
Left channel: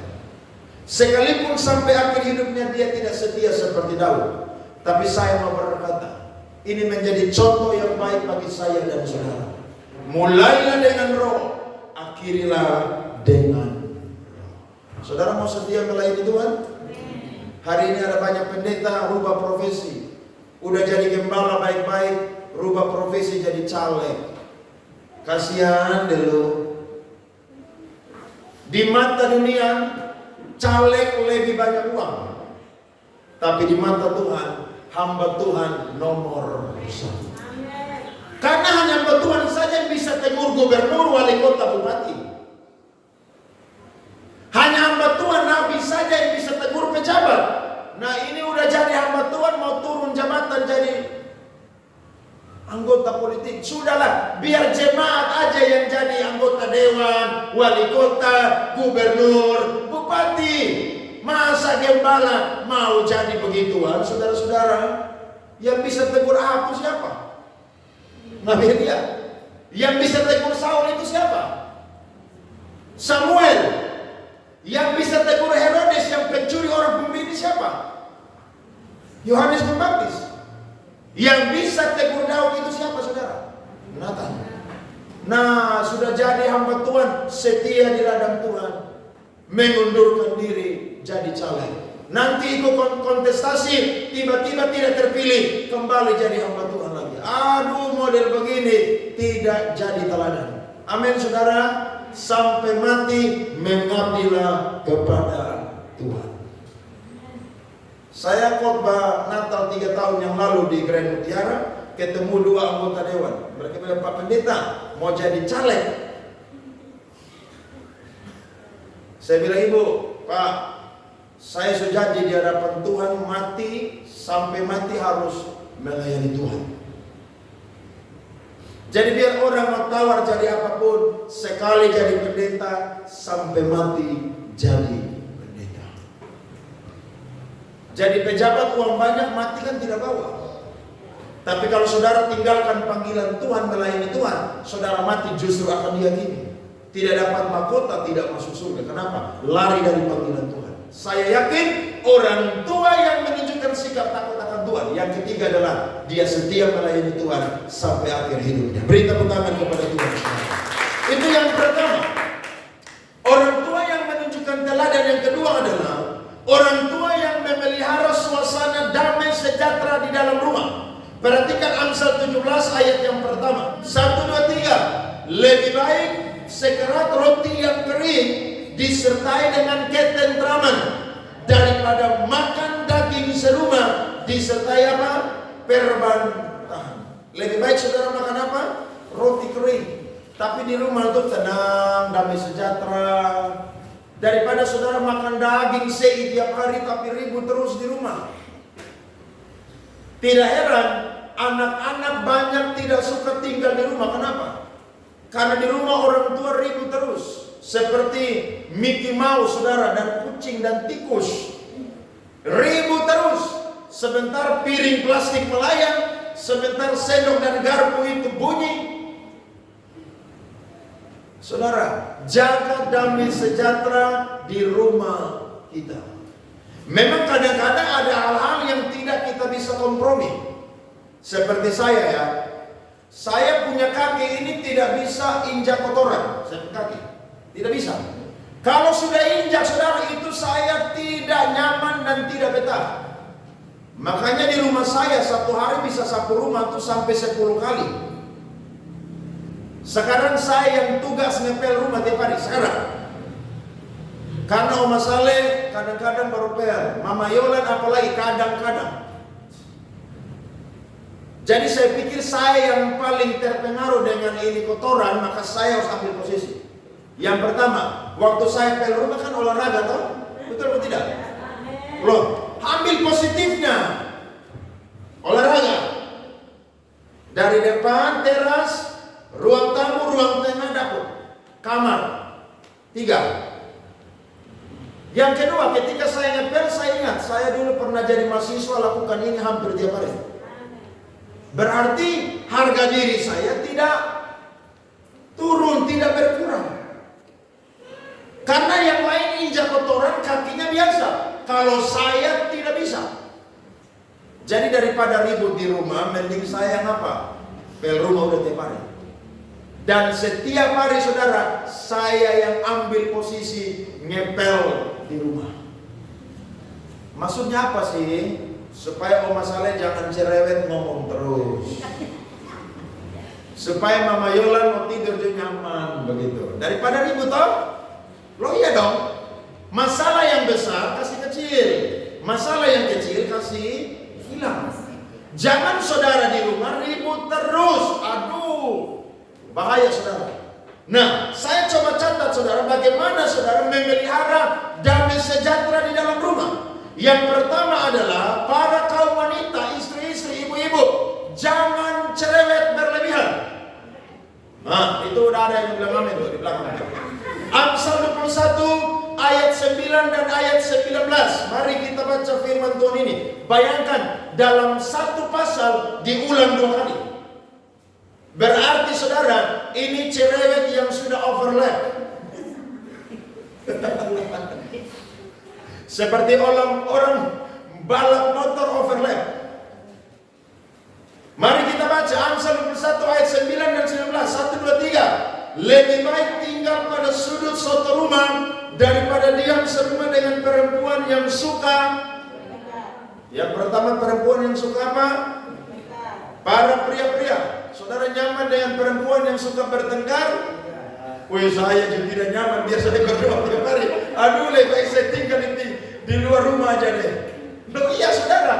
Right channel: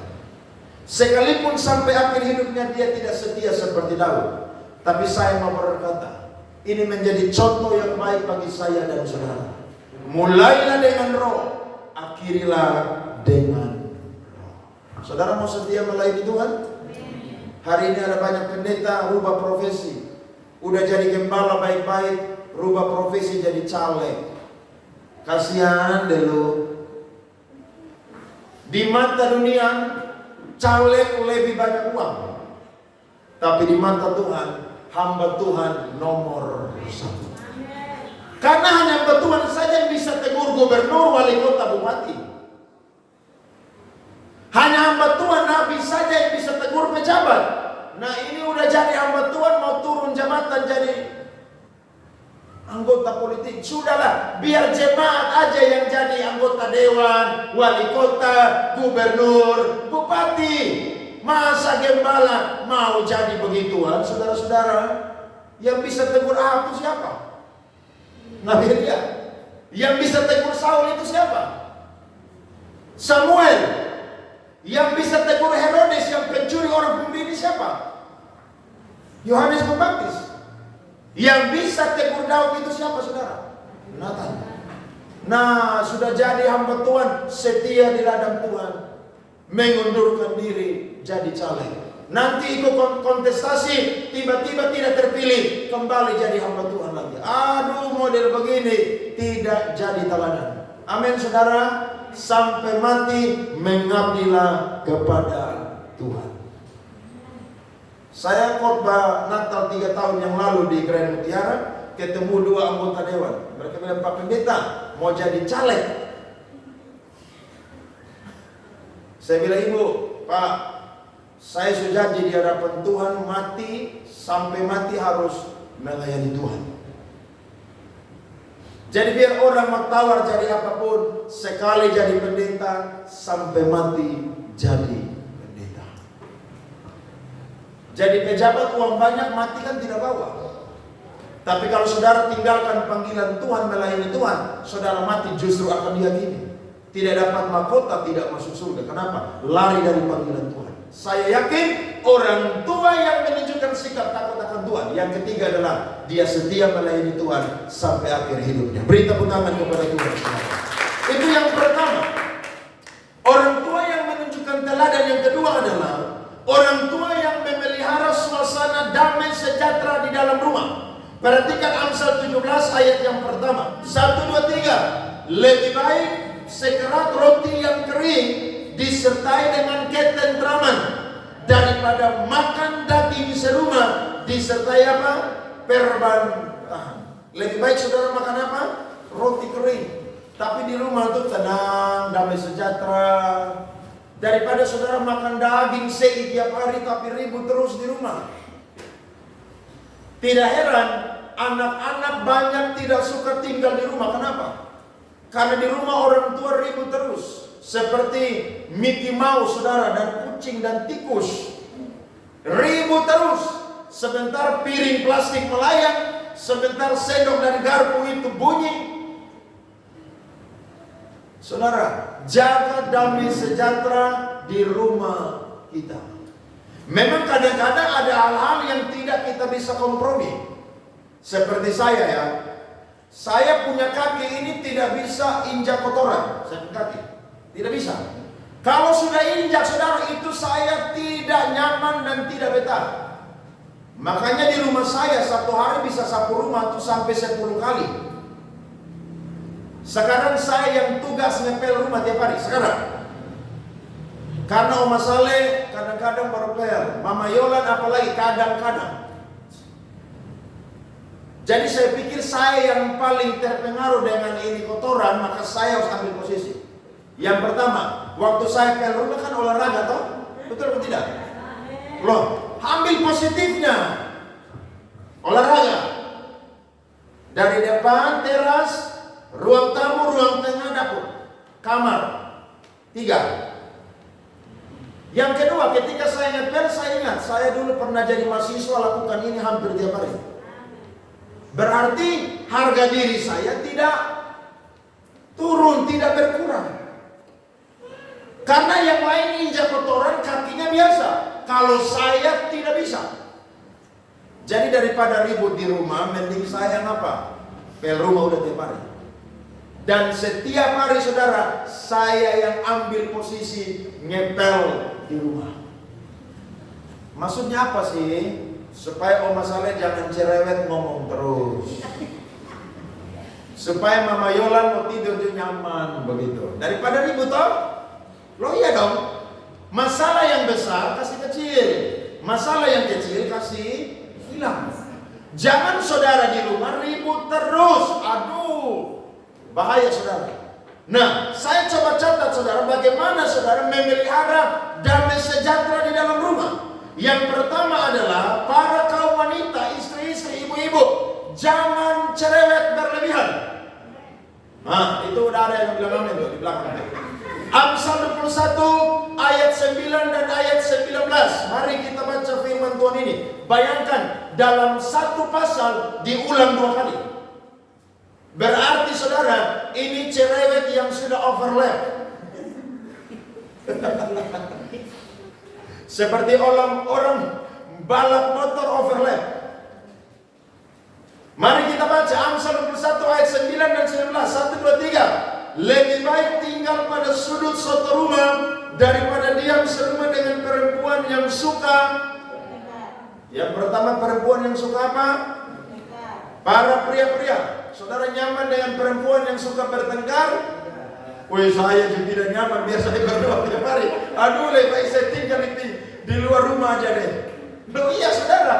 Sekalipun sampai akhir hidupnya dia tidak setia seperti Daud. Tapi saya mau berkata, ini menjadi contoh yang baik bagi saya dan saudara. Mulailah dengan roh, akhirilah dengan roh. Saudara mau setia melayani Tuhan? Hari ini ada banyak pendeta rubah profesi. Udah jadi gembala baik-baik, rubah profesi jadi caleg. Kasihan dulu. Di mata dunia, caleg lebih banyak uang. Tapi di mata Tuhan, hamba Tuhan nomor satu. Karena hanya hamba Tuhan saja yang bisa tegur gubernur, wali kota, bupati. Hanya hamba Tuhan, nabi saja yang bisa tegur pejabat. Nah ini udah jadi hamba Tuhan, mau turun jabatan jadi anggota politik. Sudahlah, biar jemaat aja yang jadi anggota dewan, wali kota, gubernur, bupati. Masa gembala mau jadi begituan, saudara-saudara? Yang bisa tegur Ahab itu siapa? Nabi Elia. Yang bisa tegur Saul itu siapa? Samuel. Yang bisa tegur Herodes yang pencuri orang pembini siapa? Yohanes Pembaptis. Yang bisa tegur Daud itu siapa saudara? Nathan. Nah sudah jadi hamba Tuhan, setia di ladang Tuhan, mengundurkan diri jadi caleg. Nanti ikut kontestasi, tiba-tiba tidak terpilih, kembali jadi hamba Tuhan lagi. Aduh model begini tidak jadi teladan. Amin saudara. Sampai mati mengabdilah kepada Tuhan. Saya khotbah Natal 3 tahun yang lalu di Grand Mutiara, ketemu 2 anggota dewan. Mereka bilang, Pak Pendeta mau jadi caleg. Saya bilang, Ibu, Pak, saya sudah janji di hadapan Tuhan, mati sampai mati harus melayani Tuhan. Jadi biar orang mau tawar jadi apapun, sekali jadi pendeta, sampai mati jadi pendeta. Jadi pejabat uang banyak mati kan tidak bawa. Tapi kalau saudara tinggalkan panggilan Tuhan, melayani Tuhan, saudara mati justru akan diyakini. Tidak dapat mahkota, tidak masuk surga. Kenapa? Lari dari panggilan Tuhan. Saya yakin orang tua yang menunjukkan sikap takut akan Tuhan. Yang ketiga adalah dia setia melayani Tuhan sampai akhir hidupnya. Beri tepuk tangan kepada Tuhan. Itu yang pertama. Orang tua yang menunjukkan teladan. Yang kedua adalah orang tua yang memelihara suasana damai sejahtera di dalam rumah. Perhatikan Amsal 17 ayat yang pertama. 1, 2, 3. Lebih baik sekerat roti yang kering disertai dengan ketentraman daripada makan daging serumah disertai apa? Perbantahan. Lebih baik saudara makan apa? Roti kering. Tapi di rumah itu tenang, damai sejahtera. Daripada saudara makan daging sei tiap hari tapi ribut terus di rumah. Tidak heran anak-anak banyak tidak suka tinggal di rumah. Kenapa? Karena di rumah orang tua ribut terus. Seperti Mickey Mouse saudara, dan kucing dan tikus. Ribut terus. Sebentar piring plastik melayang, sebentar sendok dan garpu itu bunyi. Saudara, jaga damai sejahtera di rumah kita. Memang kadang-kadang ada hal-hal yang tidak kita bisa kompromi. Seperti saya ya. Saya punya kaki ini tidak bisa injak kotoran. Saya punya kaki. Tidak bisa. Kalau sudah injak saudara, itu saya tidak nyaman dan tidak betah. Makanya di rumah saya satu hari bisa sapu rumah tuh sampai 10 kali. Sekarang saya yang tugas ngepel rumah tiap hari. Sekarang. Karena Oma Saleh kadang-kadang baru pel. Mama Yolan apalagi kadang-kadang. Jadi saya pikir saya yang paling terpengaruh dengan ini kotoran, maka saya harus ambil posisi. Yang pertama, waktu saya pel rumah kan olahraga toh? Betul atau tidak? Loh, ambil positifnya. Olahraga. Dari depan teras, ruang tamu, ruang tengah, dapur, kamar. 3. Yang kedua, ketika saya ngepel, saya ingat saya dulu pernah jadi mahasiswa lakukan ini hampir tiap hari. Berarti harga diri saya tidak turun, tidak berkurang. Karena yang lain injak kotoran kakinya biasa. Kalau saya tidak bisa. Jadi daripada ribut di rumah, mending saya ngapa? Pel rumah udah tiap hari. Dan setiap hari saudara, saya yang ambil posisi ngepel di rumah. Maksudnya apa sih? Supaya Oma Saleh jangan cerewet ngomong terus. Supaya Mama Yolan mau tidur juga nyaman begitu. Daripada ribut toh? Loh iya dong. Masalah yang besar kasih kecil. Masalah yang kecil kasih hilang. Jangan saudara di rumah ribut terus. Aduh, bahaya saudara. Nah, saya coba catat saudara, bagaimana saudara memelihara damai sejahtera di dalam rumah. Yang pertama adalah para kaum wanita, istri-istri, ibu-ibu, jangan cerewet berlebihan. Nah, itu udah ada yang bilang amin tuh di belakang. Amsal 21 ayat 9 dan ayat 19. Mari kita baca firman Tuhan ini. Bayangkan dalam satu pasal diulang 2 kali. Berarti saudara, ini cerewet yang sudah overlap. Seperti orang balap motor overlap. Mari kita baca Amsal 21 ayat 9 dan 19. 1, 2, 3. Lebih baik tinggal pada sudut suatu rumah daripada diam serumah dengan perempuan yang suka. Yang pertama, perempuan yang suka apa? Para pria-pria. Saudara nyaman dengan perempuan yang suka bertengkar? Wih, saya juga tidak nyaman, biasanya berdoa tiap hari. Aduh, lebih baik saya tinggal di luar rumah aja deh. Loh iya saudara.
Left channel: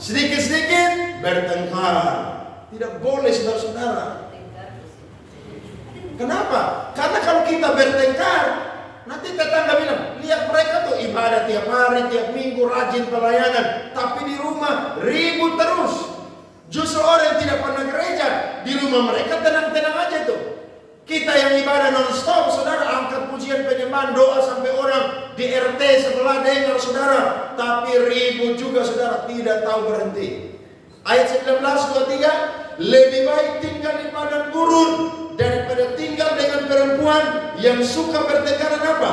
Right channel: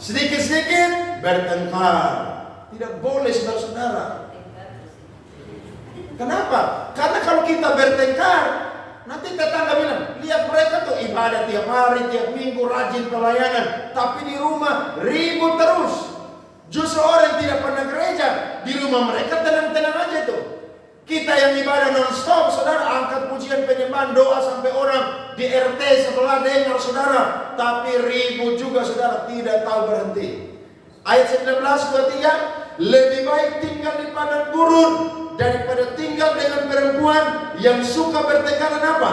Sedikit-sedikit bertengkar. Tidak boleh saudara-saudara. Kenapa? Karena kalau kita bertengkar, nanti tetangga bilang, lihat mereka tuh ibadah tiap hari, tiap minggu, rajin pelayanan. Tapi di rumah ribut terus. Justru orang yang tidak pernah gereja, di rumah mereka tenang-tenang aja tuh. Kita yang ibadah non-stop, saudara, angkat puji pujian penyembahan doa sampai orang di RT sebelah dengar saudara. Tapi ribut juga saudara, tidak tahu berhenti. Ayat 19 ketiga, lebih baik tinggal di padang gurun daripada tinggal dengan perempuan yang suka bertengkaran apa?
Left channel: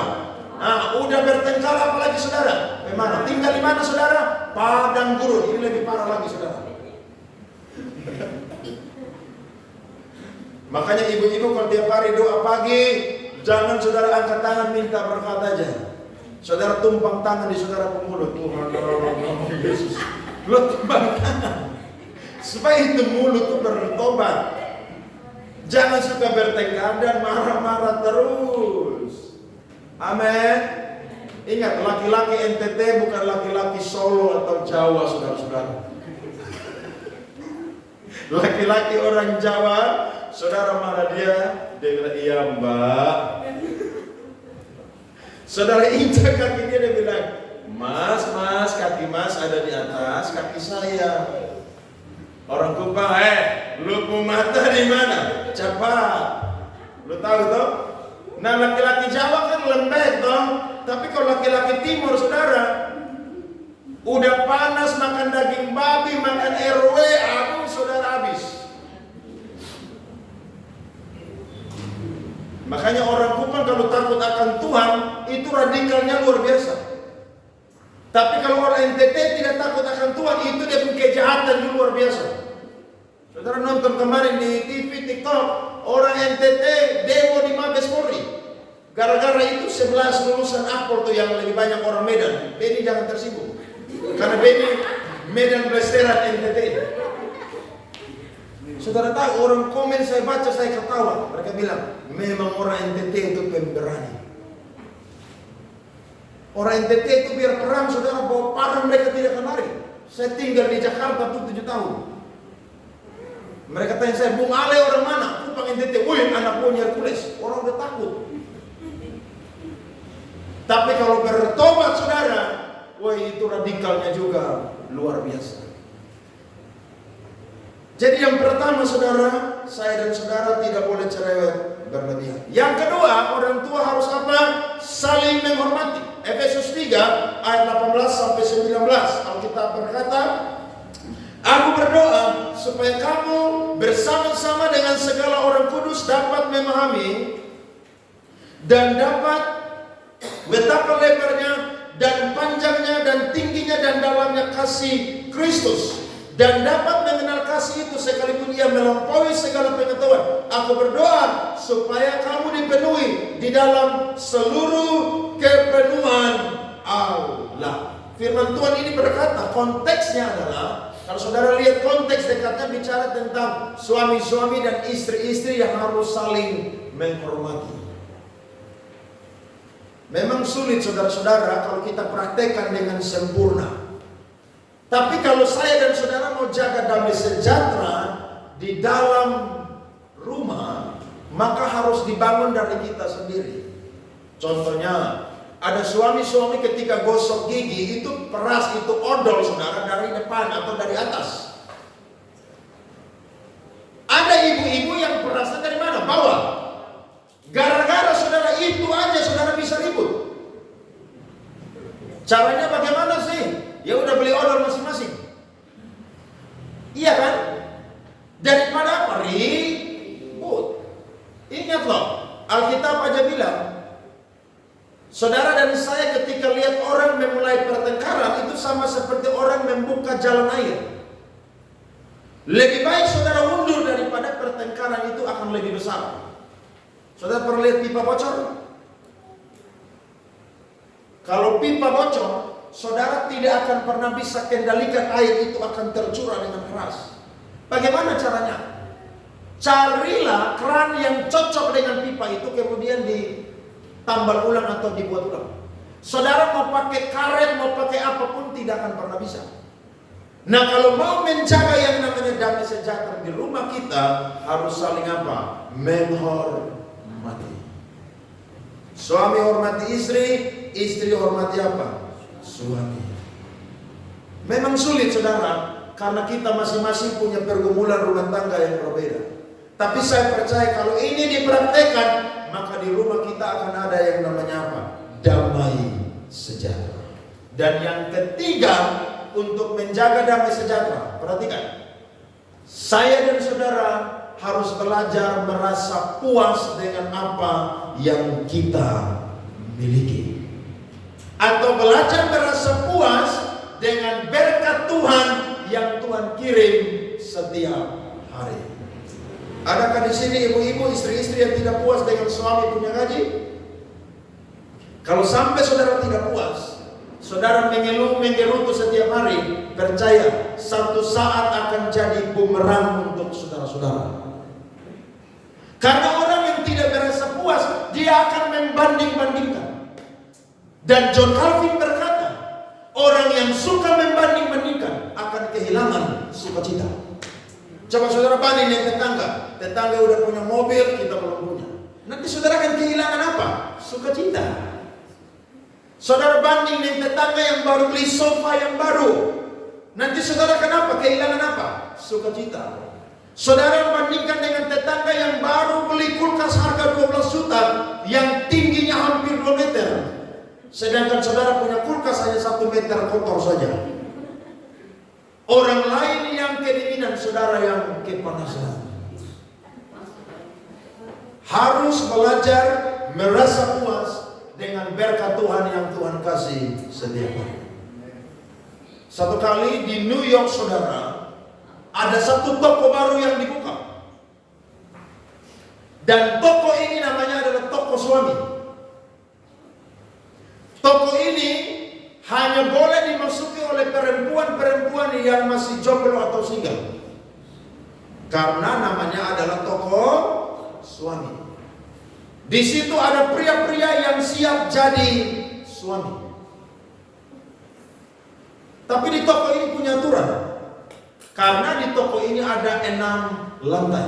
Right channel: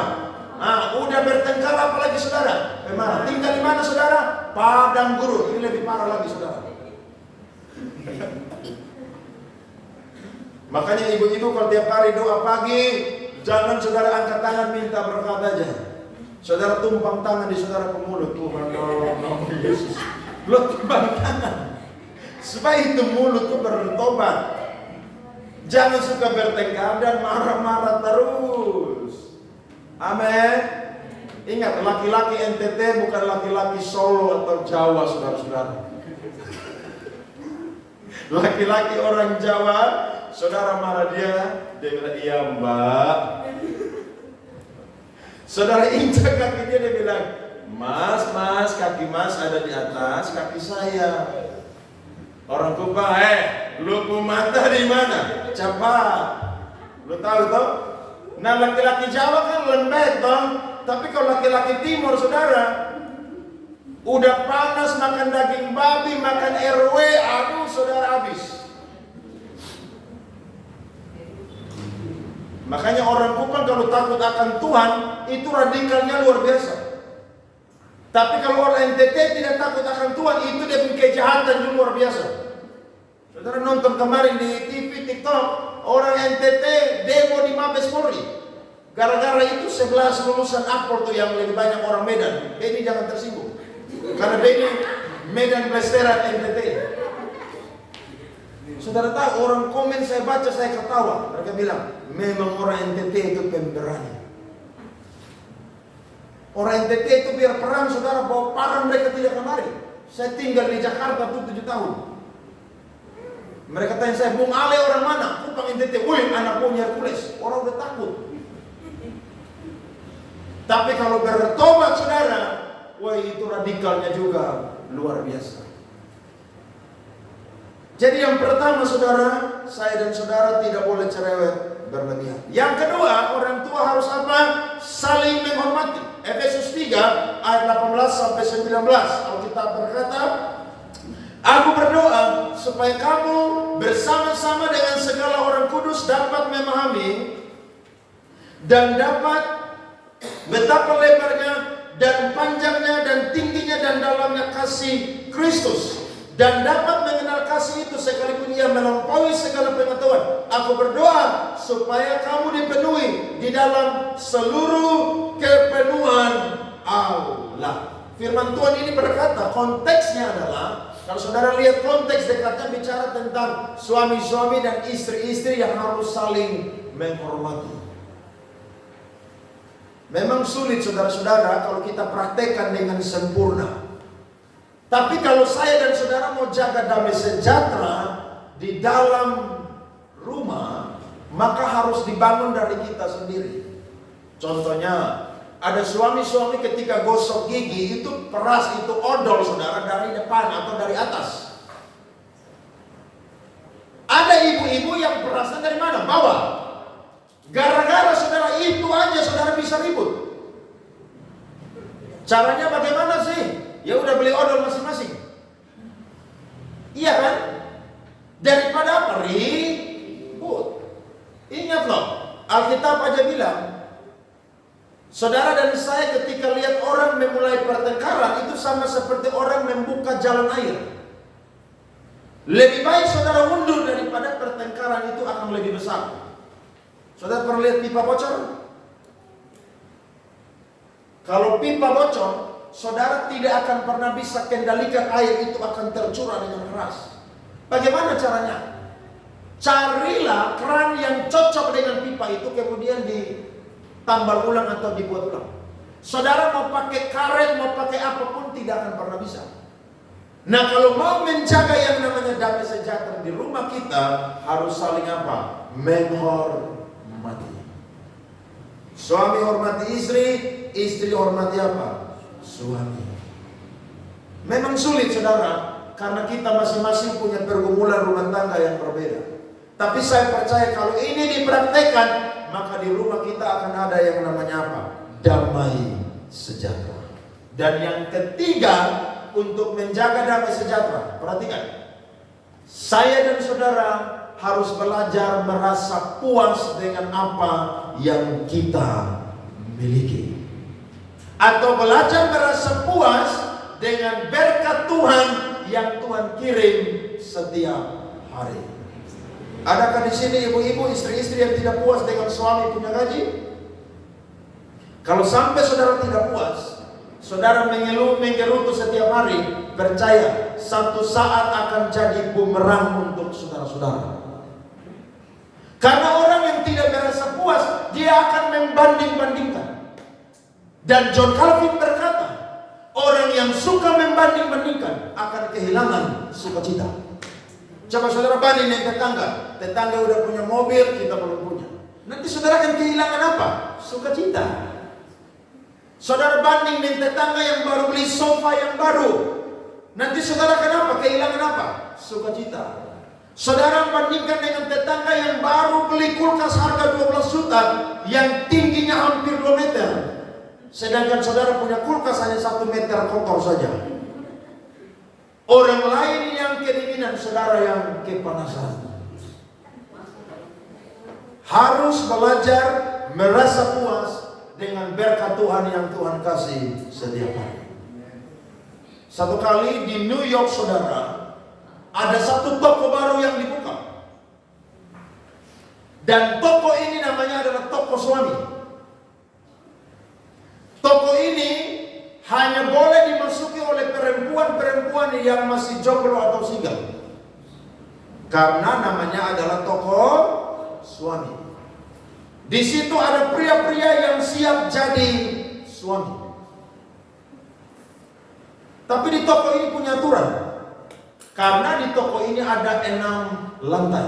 Udah bertengkar apalagi saudara? Bagaimana? Tinggal di mana saudara? Padang gurun. Ini lebih parah lagi saudara. Makanya ibu-ibu kalau tiap hari doa pagi, jangan saudara angkat tangan minta berkat aja. Saudara tumpang tangan di saudara pemulut. Tuhan tolong Yesus. Lo tumpang tangan supaya itu mulut tuh bertobat. Jangan suka bertengkar dan marah-marah terus. Amin. Ingat, laki-laki NTT bukan laki-laki Solo atau Jawa, saudara-saudara. Laki-laki orang Jawa, saudara marah dia bilang, iya mbak. Saudara injak kaki dia bilang, mas, kaki mas ada di atas kaki saya. Orang Kupang, lu mata di mana? Cepat. Lu tahu toh? Nah laki-laki Jawa kan lembek toh. Tapi kalau laki-laki Timur saudara, udah panas makan daging babi, makan RW, aduh saudara habis. Makanya orang Kupang kalau takut akan Tuhan, itu radikalnya luar biasa. Tapi kalau orang NTT tidak takut akan Tuhan, itu dia punya kejahatan juga luar biasa. Saudara nonton kemarin di TV, TikTok, orang NTT demo di Mabes Polri. Gara-gara itu 11 lulusan Akpol tuh yang lebih banyak orang Medan. Beni jangan tersinggung. Karena Beni Medan Blasteran NTT. Saudara tahu orang komen saya baca saya ketawa. Mereka bilang, memang orang NTT itu pemberani. Orang NTT itu biar perang saudara bawa parang mereka tidak kemari. Saya tinggal di Jakarta tuh 7 tahun. Mereka tanya saya, Bung Ale orang mana? Kupang NTT. Wih, anak buahnya Hercules. Orang udah takut. Tapi kalau bertobat saudara, wah itu radikalnya juga luar biasa. Jadi yang pertama saudara, saya dan saudara tidak boleh cerewet berlebihan. Yang kedua, orang tua harus apa? Saling menghormati. Efesus 3 ayat 18 sampai 19. Alkitab berkata, aku berdoa supaya kamu bersama-sama dengan segala orang kudus dapat memahami dan dapat betapa lebarnya dan panjangnya dan tingginya dan dalamnya kasih Kristus, dan dapat mengenal kasih itu sekalipun ia melampaui segala pengetahuan. Aku berdoa supaya kamu dipenuhi di dalam seluruh kepenuhan Allah. Firman Tuhan ini berkata, konteksnya adalah, kalau saudara lihat konteks dekatnya bicara tentang suami-suami dan istri-istri yang harus saling menghormati. Memang sulit saudara-saudara kalau kita praktekkan dengan sempurna. Tapi kalau saya dan saudara mau jaga damai sejahtera di dalam rumah, maka harus dibangun dari kita sendiri. Contohnya, ada suami-suami ketika gosok gigi itu peras, itu odol saudara dari depan atau dari atas. Ada ibu-ibu yang perasnya dari mana? Bawah. Gara-gara saudara itu aja saudara bisa ribut. Caranya bagaimana sih? Ya udah beli odol masing-masing. Iya kan? Daripada apa? Ribut. Ingat loh, Alkitab aja bilang, saudara dan saya ketika lihat orang memulai pertengkaran itu sama seperti orang membuka jalan air. Lebih baik saudara mundur daripada pertengkaran itu akan lebih besar. Saudara pernah lihat pipa bocor? Kalau pipa bocor, saudara tidak akan pernah bisa kendalikan air itu akan tercurah dengan keras. Bagaimana caranya? Carilah keran yang cocok dengan pipa itu kemudian ditambal ulang atau dibuat ulang. Saudara mau pakai karet, mau pakai apapun tidak akan pernah bisa. Nah kalau mau menjaga yang namanya damai sejahtera di rumah kita, harus saling apa? Menghormati. Suami hormati istri, istri hormati apa? Suami. Memang sulit saudara, karena kita masing-masing punya pergumulan rumah tangga yang berbeda. Tapi saya percaya kalau ini dipraktekkan, maka di rumah kita akan ada yang namanya apa? Damai sejahtera. Dan yang ketiga, untuk menjaga damai sejahtera, perhatikan, saya dan saudara harus belajar merasa puas dengan apa yang kita miliki, atau belajar merasa puas dengan berkat Tuhan yang Tuhan kirim setiap hari. Adakah di sini ibu-ibu, istri-istri yang tidak puas dengan suami punya gaji? Kalau sampai saudara tidak puas, saudara mengeluh menggerutu setiap hari, percaya satu saat akan jadi bumerang untuk saudara-saudara. Karena orang yang tidak merasa puas, dia akan membanding-bandingkan. Dan John Calvin berkata, orang yang suka membanding-bandingkan akan kehilangan sukacita. Coba saudara banding dengan tetangga udah punya mobil, kita belum punya. Nanti saudara akan kehilangan apa? Sukacita. Saudara banding dengan tetangga yang baru beli sofa yang baru, nanti saudara kenapa? Kehilangan apa? Sukacita. Saudara bandingkan dengan tetangga yang baru beli kulkas harga 12 juta yang tingginya hampir 2 meter. Sedangkan saudara punya kulkas hanya 1 meter kotor saja. Orang lain yang kedinginan, saudara yang kepanasan. Harus belajar merasa puas dengan berkat Tuhan yang Tuhan kasih setiap hari. Satu kali di New York, saudara, ada satu toko baru yang dibuka. Dan toko ini namanya adalah toko suami. Toko ini hanya boleh dimasuki oleh perempuan-perempuan yang masih jomblo atau single. Karena namanya adalah toko suami. Di situ ada pria-pria yang siap jadi suami. Tapi di toko ini punya aturan. Karena di toko ini ada 6 lantai.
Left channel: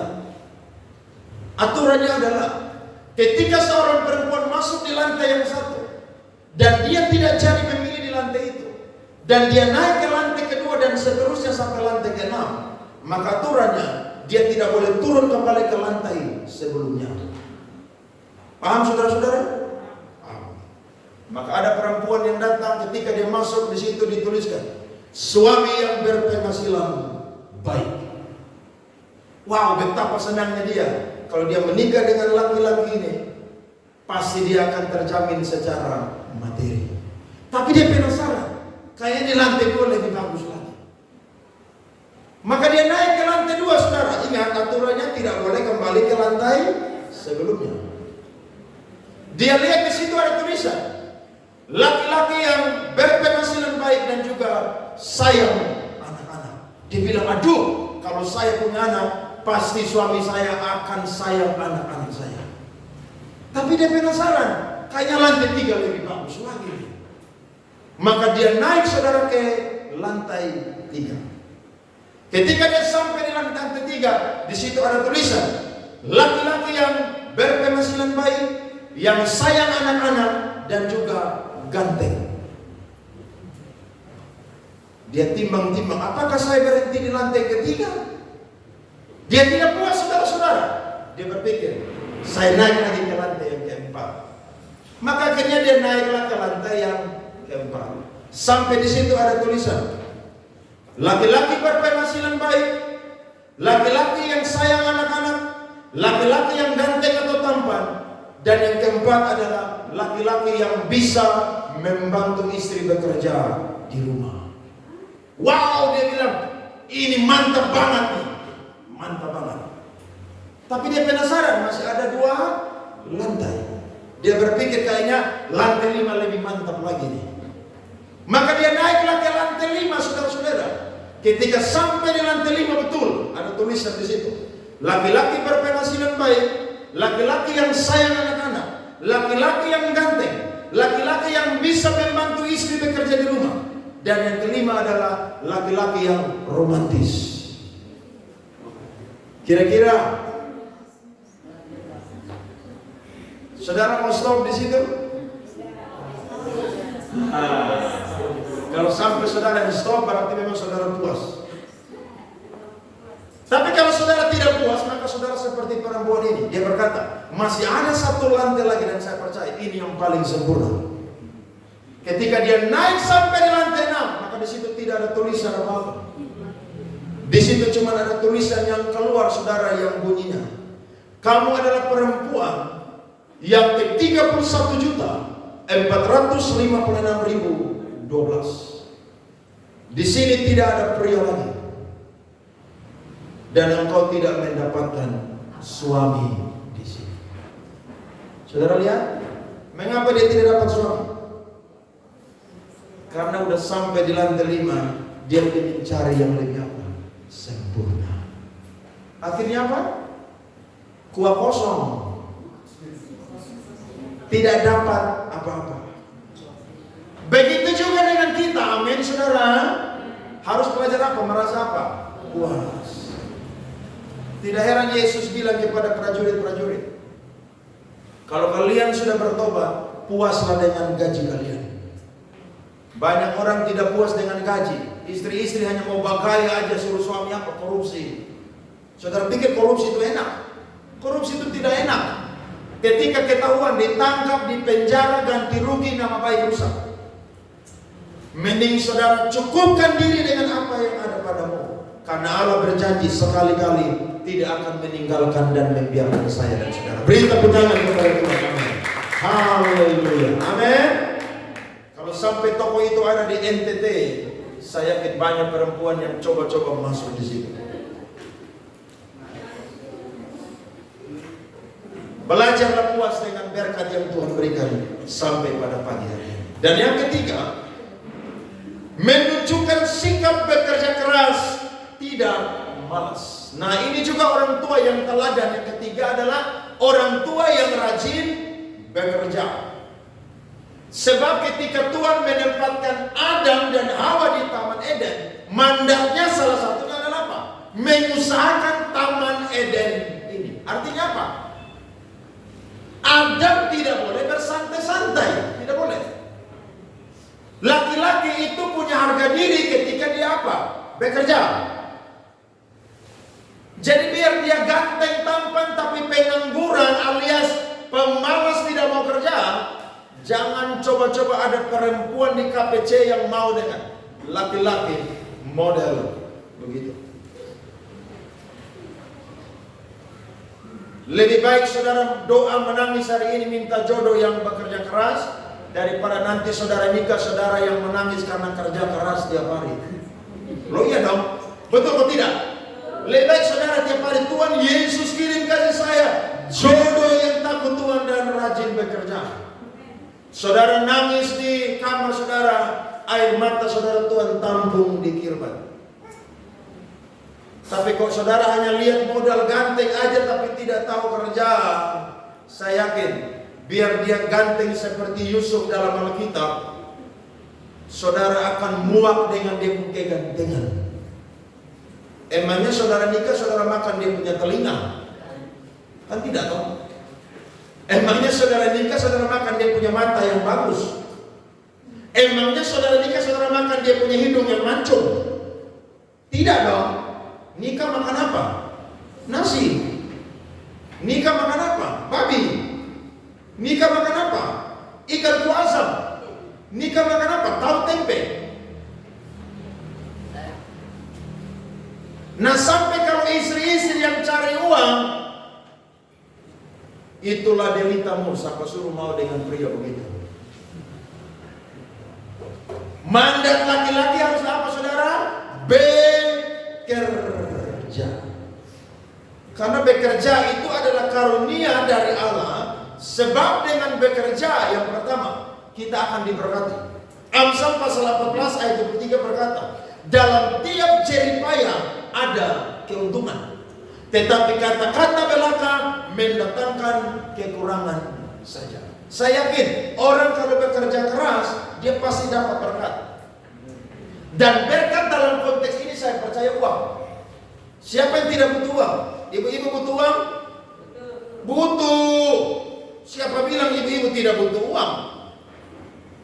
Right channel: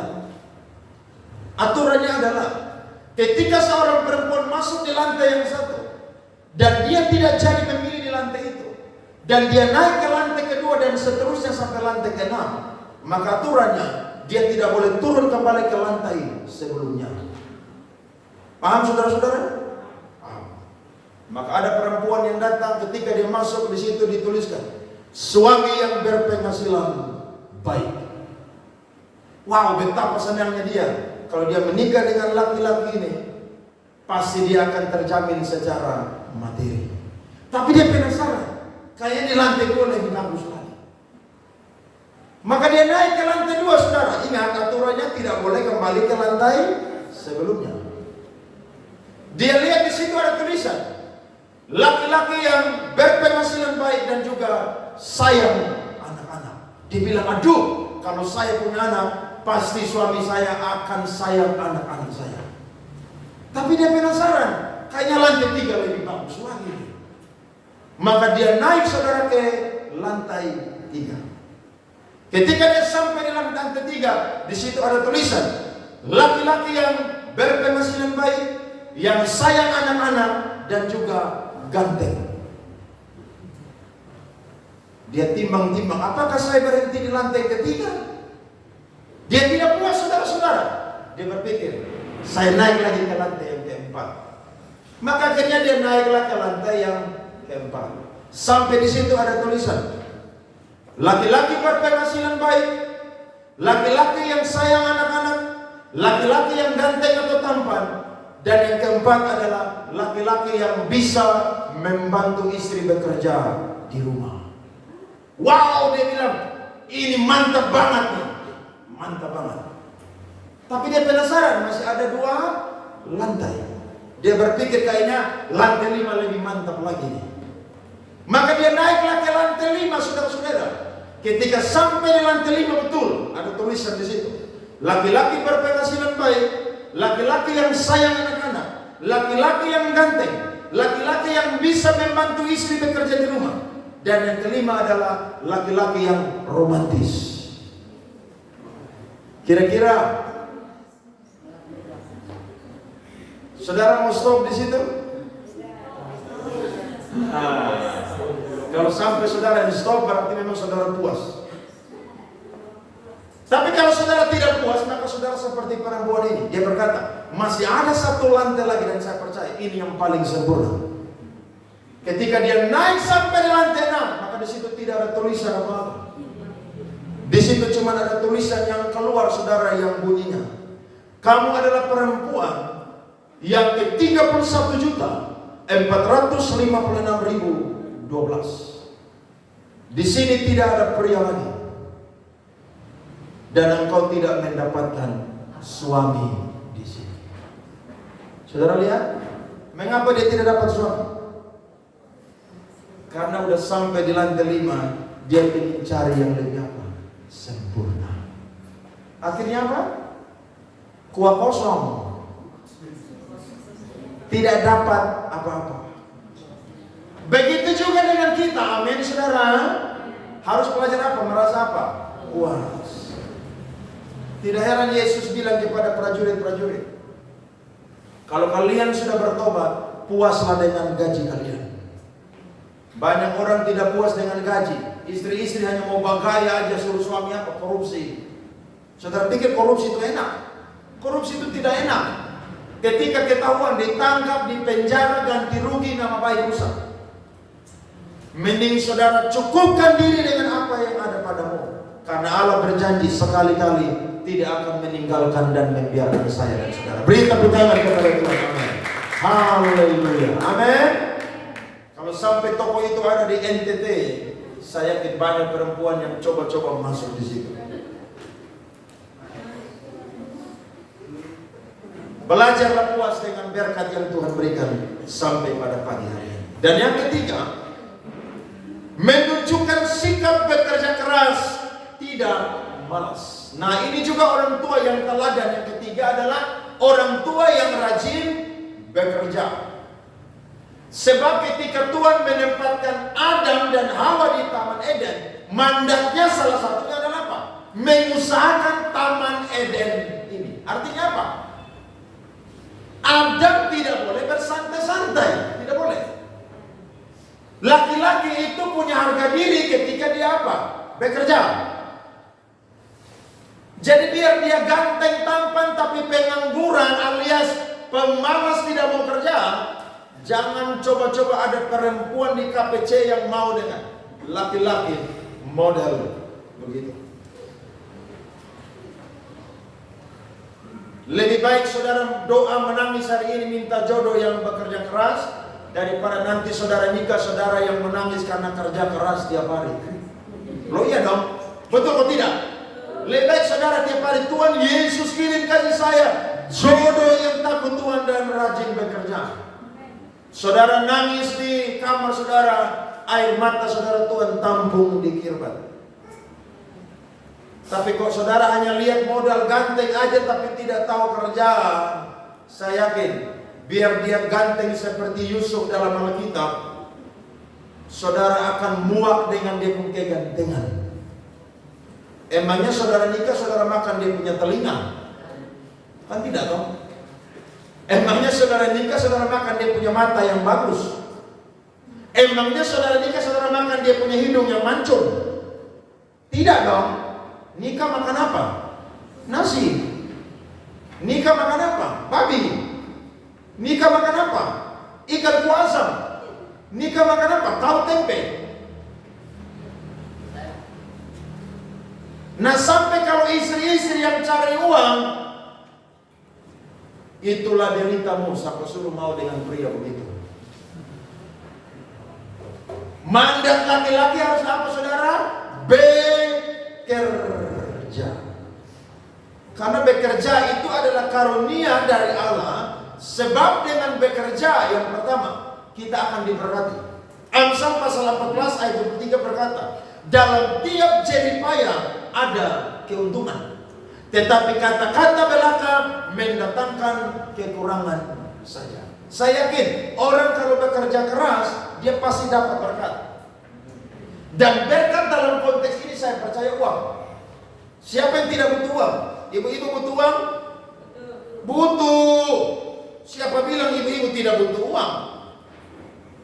Aturannya adalah ketika seorang perempuan masuk di lantai yang satu dan dia tidak jadi memilih di lantai itu, dan dia naik ke lantai kedua dan seterusnya sampai lantai ke-6, maka aturannya dia tidak boleh turun kembali ke lantai sebelumnya. Paham saudara-saudara? Paham. Maka ada perempuan yang datang, ketika dia masuk di situ dituliskan suami yang berpenghasilan baik. Wow, betapa senangnya dia kalau dia menikah dengan laki-laki ini. Pasti dia akan terjamin secara materi. Tapi dia penasaran, kayaknya di lantai 2 lebih bagus lagi. Maka dia naik ke lantai 2, saudara. Ingat aturannya tidak boleh kembali ke lantai sebelumnya. Dia lihat di situ ada tulisan laki-laki yang berpenghasilan baik dan juga sayang anak-anak. Dia bilang, aduh, kalau saya punya anak, pasti suami saya akan sayang anak-anak saya. Tapi dia penasaran, kayaknya lantai 3 lebih bagus lagi. Maka dia naik, saudara, ke lantai 3. Ketika dia sampai di lantai 3, di situ ada tulisan laki-laki yang berpenghasilan baik, yang sayang anak-anak dan juga ganteng. Dia timbang-timbang, apakah saya berhenti di lantai 3? Dia tidak puas, saudara-saudara. Dia berpikir, saya naik lagi ke lantai yang ke-4. Maka akhirnya dia naiklah ke lantai yang ke-4. Sampai di situ ada tulisan laki-laki berpenghasilan baik, laki-laki yang sayang anak-anak, laki-laki yang ganteng atau tampan, dan yang keempat adalah laki-laki yang bisa membantu istri bekerja di rumah. Wow, dia bilang, ini mantap banget nih. Mantap banget. Tapi dia penasaran, masih ada 2 lantai. Dia berpikir kayaknya lantai 5 lebih mantap lagi nih. Maka dia naiklah ke lantai 5, saudara-saudara. Ketika sampai di lantai 5 betul, ada tulisan di situ. Laki-laki berpenghasilan baik, laki-laki yang sayang anak-anak, laki-laki yang ganteng, laki-laki yang bisa membantu istri bekerja di rumah. Dan yang kelima adalah laki-laki yang romantis. Kira-kira saudara mau stop di situ? Kalau sampai saudara di stop, berarti memang saudara puas. Tapi kalau saudara tidak puas, maka saudara seperti seperti perempuan ini. Dia berkata, masih ada satu lantai lagi dan saya percaya ini yang paling sempurna. Ketika dia naik sampai di lantai 6, maka di situ tidak ada tulisan apa-apa. Di situ cuma ada tulisan yang keluar, saudara, yang bunyinya, kamu adalah perempuan yang ke-31.456.012. Di sini tidak ada pria lagi, dan engkau tidak mendapatkan suami di sini. Saudara lihat, mengapa dia tidak dapat suami? Karena udah sampai di lantai 5, dia ingin cari yang lebih apa? Sempurna. Akhirnya apa? Kuah kosong. Tidak dapat apa-apa. Begitu juga dengan kita, amin saudara. Harus belajar apa? Merasa apa? Puas. Tidak heran Yesus bilang kepada prajurit-prajurit, kalau kalian sudah bertobat, puaslah dengan gaji kalian. Banyak orang tidak puas dengan gaji. Istri-istri hanya mau bagaya aja, suruh suami apa? Korupsi. Saudara pikir korupsi itu enak? Korupsi itu tidak enak. Ketika ketahuan, ditangkap, dipenjara, ganti rugi, nama baik rusak. Mending saudara cukupkan diri dengan apa yang ada padamu. Karena Allah berjanji sekali-kali tidak akan meninggalkan dan membiarkan saya dan saudara. Beri tepuk tangan kepada Tuhan. Amin. Haleluya. Amin. Kalau sampai toko itu ada di NTT, saya yakin banyak perempuan yang coba-coba masuk di situ. Belajarlah puas dengan berkat yang Tuhan berikan sampai pada pagi hari ini. Dan yang ketiga, menunjukkan sikap bekerja keras, tidak malas. Nah, ini juga orang tua yang teladan. Yang ketiga adalah orang tua yang rajin bekerja. Sebab ketika Tuhan menempatkan Adam dan Hawa di Taman Eden, mandatnya salah satunya adalah apa? Mengusahakan Taman Eden ini. Artinya apa? Adam tidak boleh bersantai-santai, tidak boleh. Laki-laki itu punya harga diri ketika dia apa? Bekerja. Jadi biar dia ganteng tampan tapi pengangguran alias pemalas tidak mau kerja, jangan coba-coba ada perempuan di KPC yang mau dengan laki-laki model begitu. Lebih baik saudara doa menangis hari ini minta jodoh yang bekerja keras daripada nanti saudara nikah saudara yang menangis karena kerja keras tiap hari. Loh iya dong, betul atau tidak? Lebih baik saudara tiap hari, Tuhan Yesus kirim kasih saya jodoh yang takut Tuhan dan rajin bekerja. Saudara nangis di kamar saudara, air mata saudara Tuhan tampung di kirban. Tapi kok saudara hanya lihat modal ganteng aja tapi tidak tahu kerja, saya yakin biar dia ganteng seperti Yusuf dalam Alkitab, saudara akan muak dengan dia punya kegantengan. Emangnya saudara nikah, saudara makan dia punya telinga? Kan tidak dong. Emangnya saudara nikah, saudara makan dia punya mata yang bagus? Emangnya saudara nikah, saudara makan dia punya hidung yang mancung? Tidak dong. Nikah makan apa? Nasi. Nikah makan apa? Babi. Nikah makan apa? Ikan kuah asam. Nikah makan apa? Tahu tempe. Nah sampai kalau istri-istri yang cari uang, itulah deritamu. Siapa suruh mau dengan pria begitu? Mandat laki-laki harus apa saudara? Bekerja. Karena bekerja itu adalah karunia dari Allah. Sebab dengan bekerja yang pertama kita akan diberkati. Amsal pasal 14 ayat 23 berkata, dalam tiap jeripaya ada keuntungan, tetapi kata-kata belaka mendatangkan kekurangan saja. Saya yakin orang kalau bekerja keras dia pasti dapat berkat. Dan berkat dalam konteks ini saya percaya uang. Siapa yang tidak butuh uang? Ibu-ibu butuh uang? Butuh. Siapa bilang ibu-ibu tidak butuh uang?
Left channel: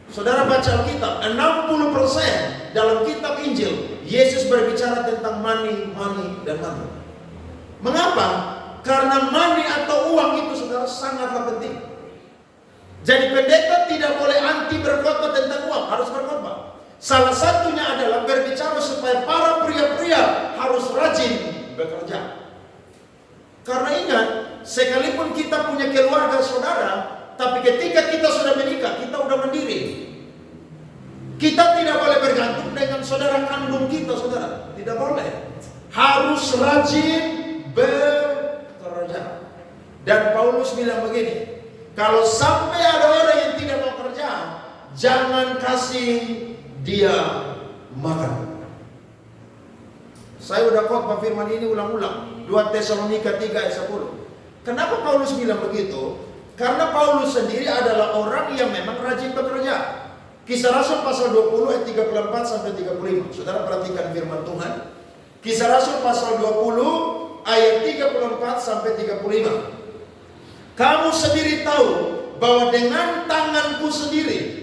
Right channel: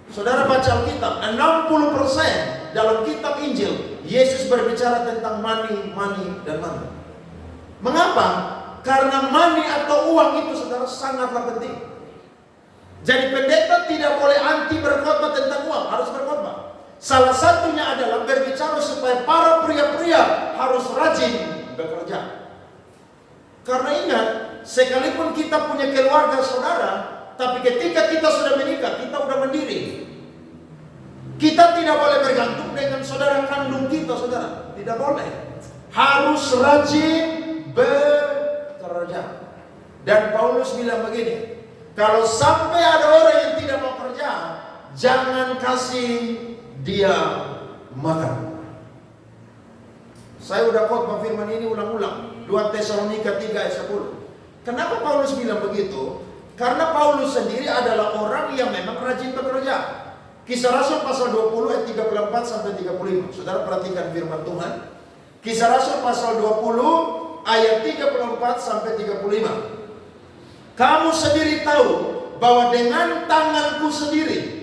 Saudara baca Alkitab, 60% dalam kitab Injil Yesus berbicara tentang money, dan money. Mengapa? Karena money atau uang itu saudara sangatlah penting. Jadi pendeta tidak boleh anti berkhotbah tentang uang, harus berkhotbah. Salah satunya adalah berbicara supaya para pria-pria harus rajin bekerja. Karena ingat, sekalipun kita punya keluarga saudara, tapi ketika kita sudah menikah, kita sudah mandiri. Kita tidak boleh bergantung dengan saudara kandung kita, saudara. Tidak boleh. Harus rajin bekerja. Dan Paulus bilang begini, kalau sampai ada orang yang tidak mau kerja, jangan kasih dia makan. Saya udah khotbah firman ini ulang-ulang. 2 Tesalonika 3 ayat 10. Kenapa Paulus bilang begitu? Karena Paulus sendiri adalah orang yang memang rajin bekerja. Kisah Rasul pasal 20 ayat 34 sampai 35. Saudara perhatikan firman Tuhan. Kisah Rasul pasal 20 ayat 34 sampai 35. Kamu sendiri tahu bahwa dengan tanganku sendiri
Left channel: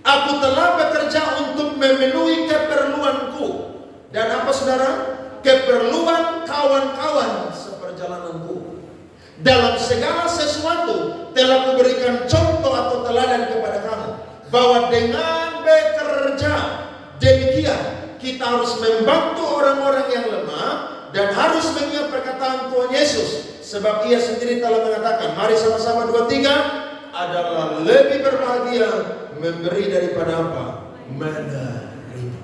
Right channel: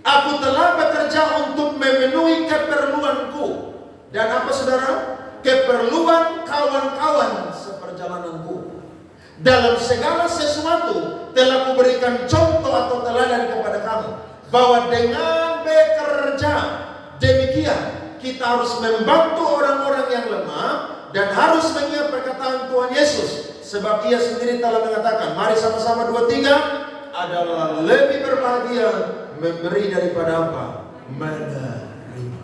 aku telah bekerja untuk memenuhi keperluanku. Dan apa saudara? Keperluan kawan-kawan seperjalananku. Dalam segala sesuatu telah kuberikan contoh atau teladan kepada kamu, bahwa dengan bekerja demikian kita harus membantu orang-orang yang lemah dan harus mengingat perkataan Tuhan Yesus, sebab ia sendiri telah mengatakan, mari sama-sama 2-3, adalah lebih berbahagia memberi daripada apa? Menerima.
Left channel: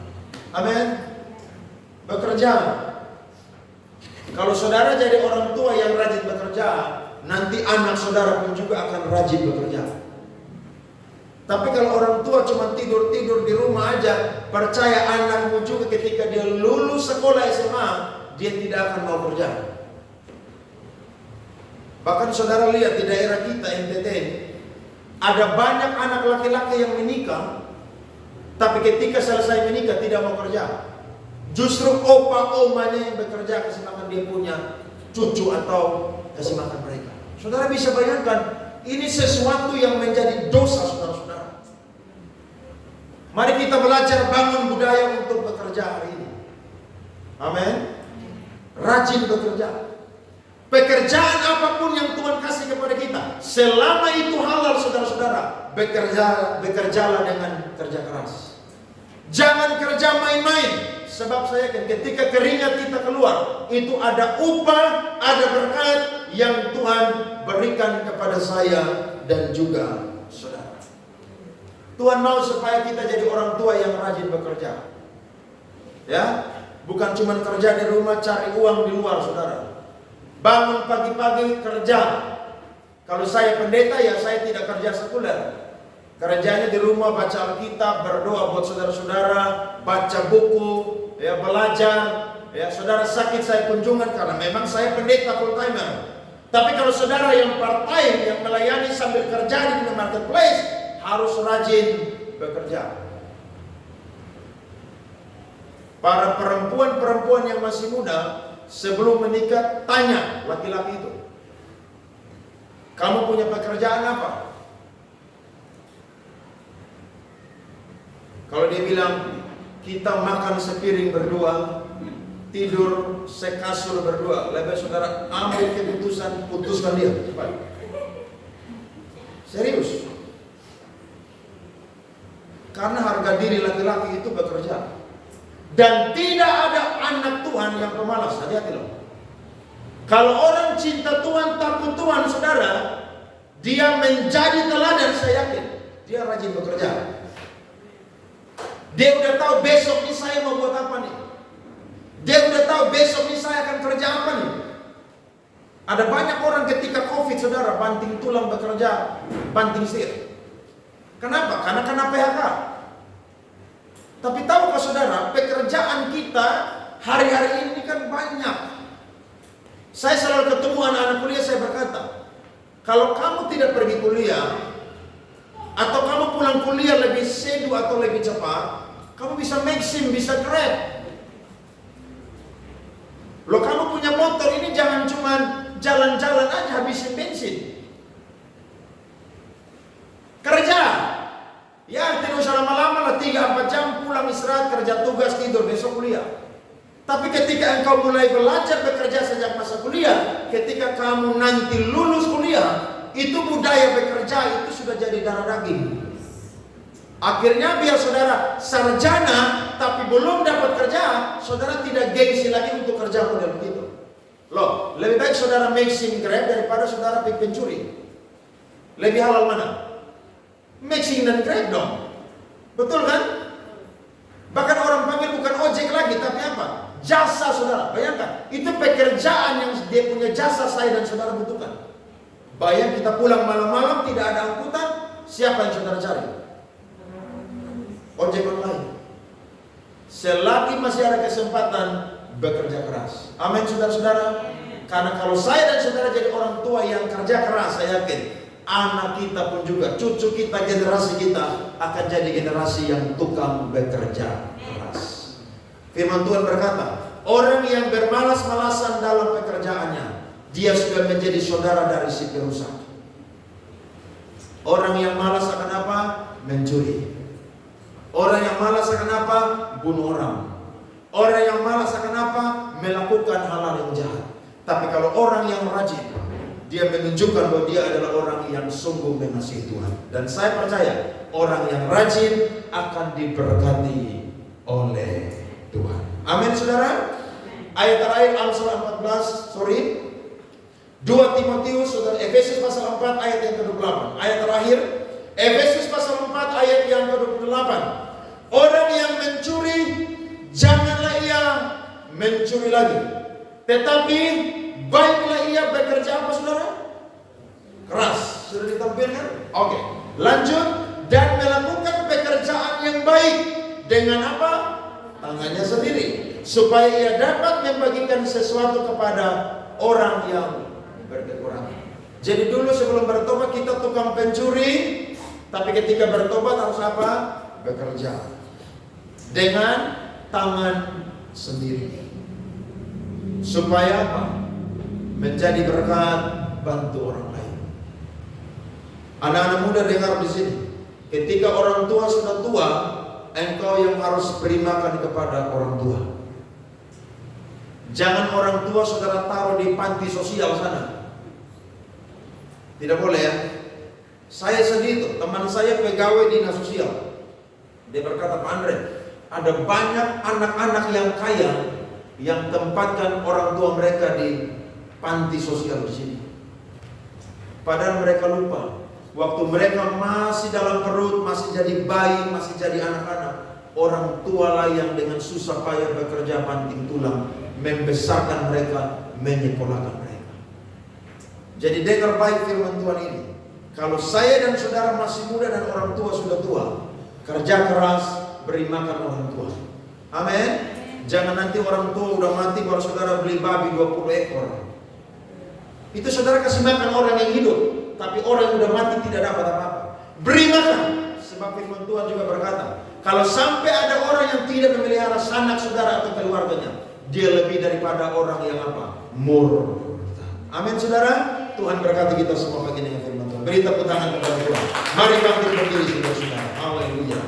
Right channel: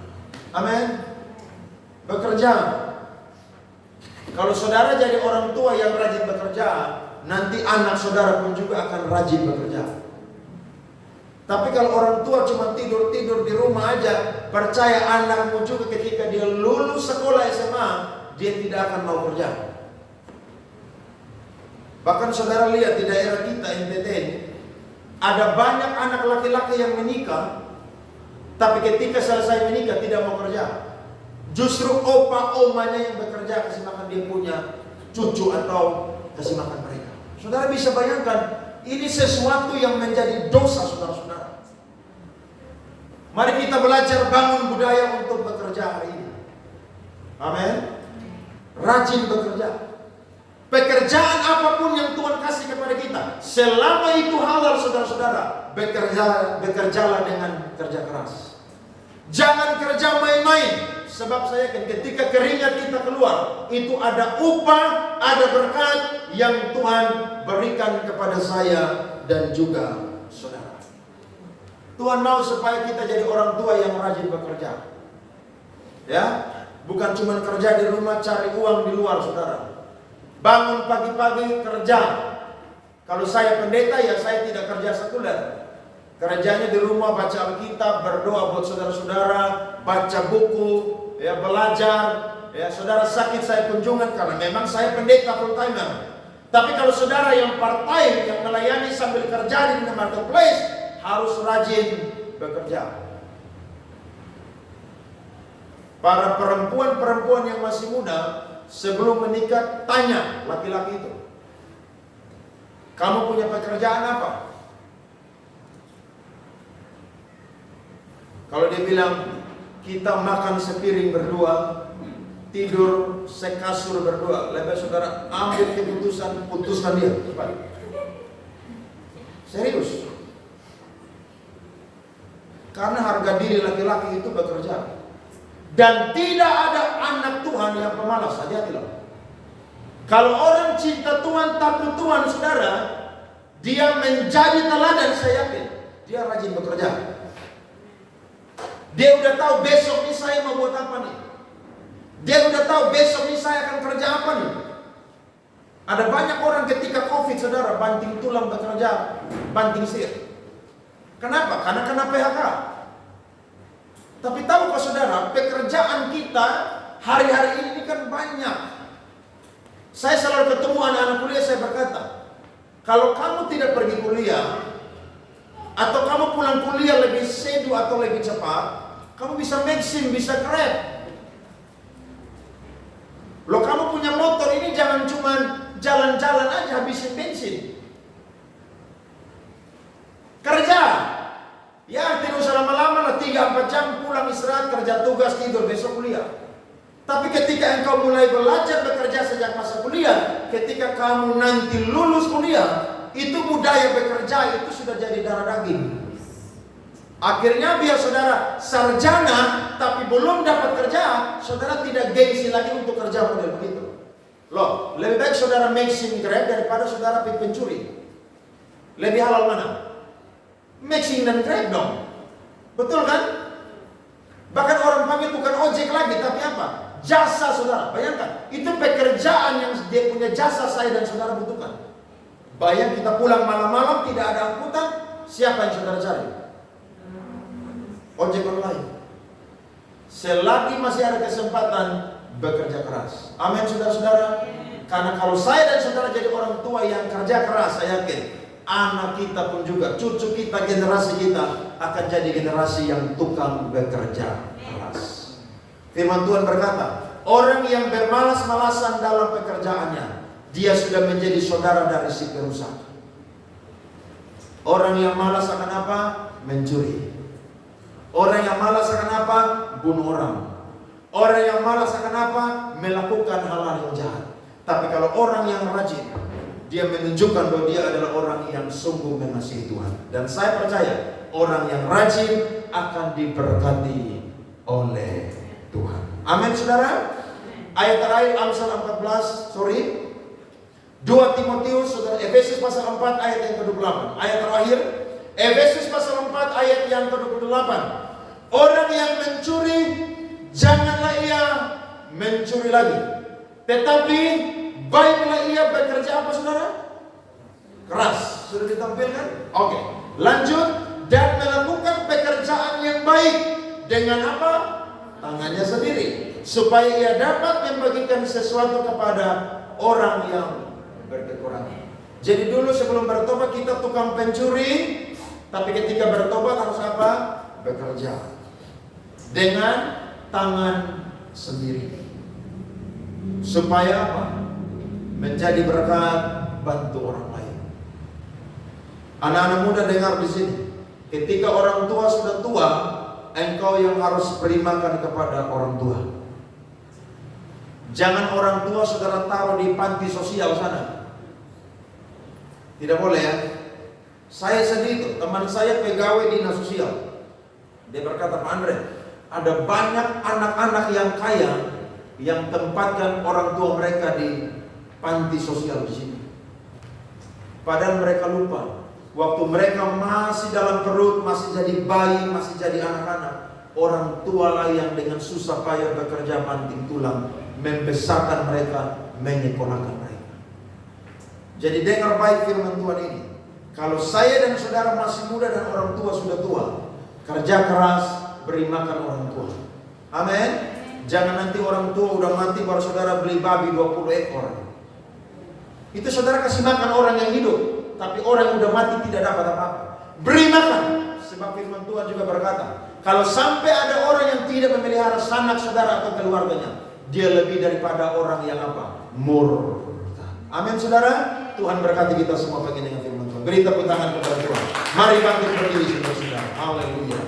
Amin. Bekerja. Kalau saudara jadi orang tua yang rajin bekerja, nanti anak saudara pun juga akan rajin bekerja. Tapi kalau orang tua cuma tidur-tidur di rumah aja, percaya anakmu juga ketika dia lulus sekolah SMA, dia tidak akan mau kerja. Bahkan saudara lihat di daerah kita NTT, ada banyak anak laki-laki yang menikah, tapi ketika selesai menikah tidak mau kerja. Justru opa-omanya yang bekerja kasih makan dia punya cucu atau kasih makan mereka. Saudara bisa bayangkan, ini sesuatu yang menjadi dosa saudara-saudara. Mari kita belajar bangun budaya untuk bekerja hari ini. Amin. Rajin bekerja. Pekerjaan apapun yang Tuhan kasih kepada kita, selama itu halal saudara-saudara, bekerjalah dengan kerja keras. Jangan kerja main-main. Sebab saya kan ketika keringat kita keluar, itu ada upah, ada berkat yang Tuhan berikan kepada saya dan juga saudara. Tuhan mau supaya kita jadi orang tua yang rajin bekerja. Ya, bukan cuma kerja di rumah cari uang di luar saudara. Bangun pagi-pagi kerja. Kalau saya pendeta ya saya tidak kerja sekuler. Kerjanya di rumah baca Alkitab, berdoa buat saudara-saudara, baca buku, ya belajar. Ya saudara sakit saya kunjungan karena memang saya pendeta full timer. Tapi kalau saudara yang part time yang melayani sambil kerja di marketplace harus rajin bekerja. Para perempuan-perempuan yang masih muda sebelum menikah tanya laki-laki itu, kamu punya pekerjaan apa? Kalau dia bilang kita makan sepiring berdua, tidur sekasur berdua, lebih saudara ambil keputusan, putuskan dia cepat. Serius. Karena harga diri laki-laki itu bekerja. Dan tidak ada anak Tuhan yang pemalas. Hati-hati loh. Kalau orang cinta Tuhan, takut Tuhan saudara, dia menjadi teladan, saya yakin dia rajin bekerja. Dia udah tahu besok nih saya mau buat apa nih. Dia udah tahu besok nih saya akan kerja apa nih. Ada banyak orang ketika COVID saudara banting tulang bekerja, banting setir. Kenapa? Karena kena PHK. Tapi tahukah saudara, pekerjaan kita hari-hari ini kan banyak. Saya selalu ketemu anak-anak kuliah, saya berkata, kalau kamu tidak pergi kuliah, atau kamu pulang kuliah lebih sedu atau lebih cepat, kamu bisa maxim, bisa grab. Loh kamu punya motor ini jangan cuma jalan-jalan aja habisin bensin. Kerja. Ya tidak usah lama-lama lah, 3-4 jam pulang istirahat, kerja tugas, tidur, besok kuliah. Tapi ketika engkau mulai belajar bekerja sejak masa kuliah, ketika kamu nanti lulus kuliah, itu budaya bekerja itu sudah jadi darah daging. Akhirnya biar saudara sarjana tapi belum dapat kerja, saudara tidak gengsi lagi untuk kerja model begitu. Loh, lebih baik saudara make SIM Grab daripada saudara pergi pencuri. Lebih halal mana? Make SIM dan Grab dong. Betul kan? Bahkan orang panggil bukan ojek lagi, tapi apa? Jasa saudara. Bayangkan, itu pekerjaan yang dia punya jasa saya dan saudara butuhkan. Bayang kita pulang malam-malam tidak ada angkutan, siapa yang saudara cari? Ojek online. Selagi masih ada kesempatan, bekerja keras. Amin saudara-saudara. Karena kalau saya dan saudara jadi orang tua yang kerja keras, saya yakin anak kita pun juga, cucu kita, generasi kita akan jadi generasi yang tukang bekerja keras. Firman Tuhan berkata, orang yang bermalas-malasan dalam pekerjaannya, dia sudah menjadi saudara dari si perusak. Orang yang malas akan apa? Mencuri. Orang yang malas akan apa? Bunuh orang. Orang yang malas akan apa? Melakukan hal-hal yang jahat. Tapi kalau orang yang rajin, dia menunjukkan bahwa dia adalah orang yang sungguh mengasihi Tuhan. Dan saya percaya orang yang rajin akan diberkati oleh Tuhan. Amin saudara. Ayat terakhir Amsal 2 Timotius, saudara, Efesus pasal 4 ayat yang ke-28. Ayat terakhir Efesus pasal 4 ayat yang ke-28. Orang yang mencuri, janganlah ia mencuri lagi, tetapi baiklah ia bekerja apa saudara? Keras. Sudah ditampilkan? Oke. Lanjut. Dan melakukan pekerjaan yang baik dengan apa? Tangannya sendiri, supaya ia dapat membagikan sesuatu kepada orang yang berkekurangan. Jadi dulu sebelum bertobat kita tukang pencuri, tapi ketika bertobat harus apa? Bekerja dengan tangan sendiri, supaya apa? Menjadi berkat, bantu orang lain. Anak-anak muda dengar di sini, ketika orang tua sudah tua, engkau yang harus beri makan kepada orang tua. Jangan orang tua saudara taruh di panti sosial sana. Tidak boleh ya. Saya sendiri, teman saya pegawai dinas sosial, dia berkata, Pak Andre, ada banyak anak-anak yang kaya yang tempatkan orang tua mereka di panti sosial di sini. Padahal mereka lupa, waktu mereka masih dalam perut, masih jadi bayi, masih jadi anak-anak, orang tua lah yang dengan susah payah bekerja banting tulang, membesarkan mereka, menyekolahkan mereka. Jadi dengar baik firman Tuhan ini. Kalau saya dan saudara masih muda dan orang tua sudah tua, kerja keras, beri makan orang tua. Amin. Jangan nanti orang tua udah mati baru saudara beli babi 20 ekor. Itu saudara kasih makan orang yang hidup, tapi orang yang udah mati tidak dapat apa-apa. Beri makan. Sebab firman Tuhan juga berkata, kalau sampai ada orang yang tidak memelihara sanak saudara atau keluarganya, dia lebih daripada orang yang apa? Murtad. Amin saudara. Tuhan berkati kita semua pagi dengan firman Tuhan. Beri tepuk tangan kepada Tuhan. Mari bangkit berdiri saudara-saudara. Haleluya.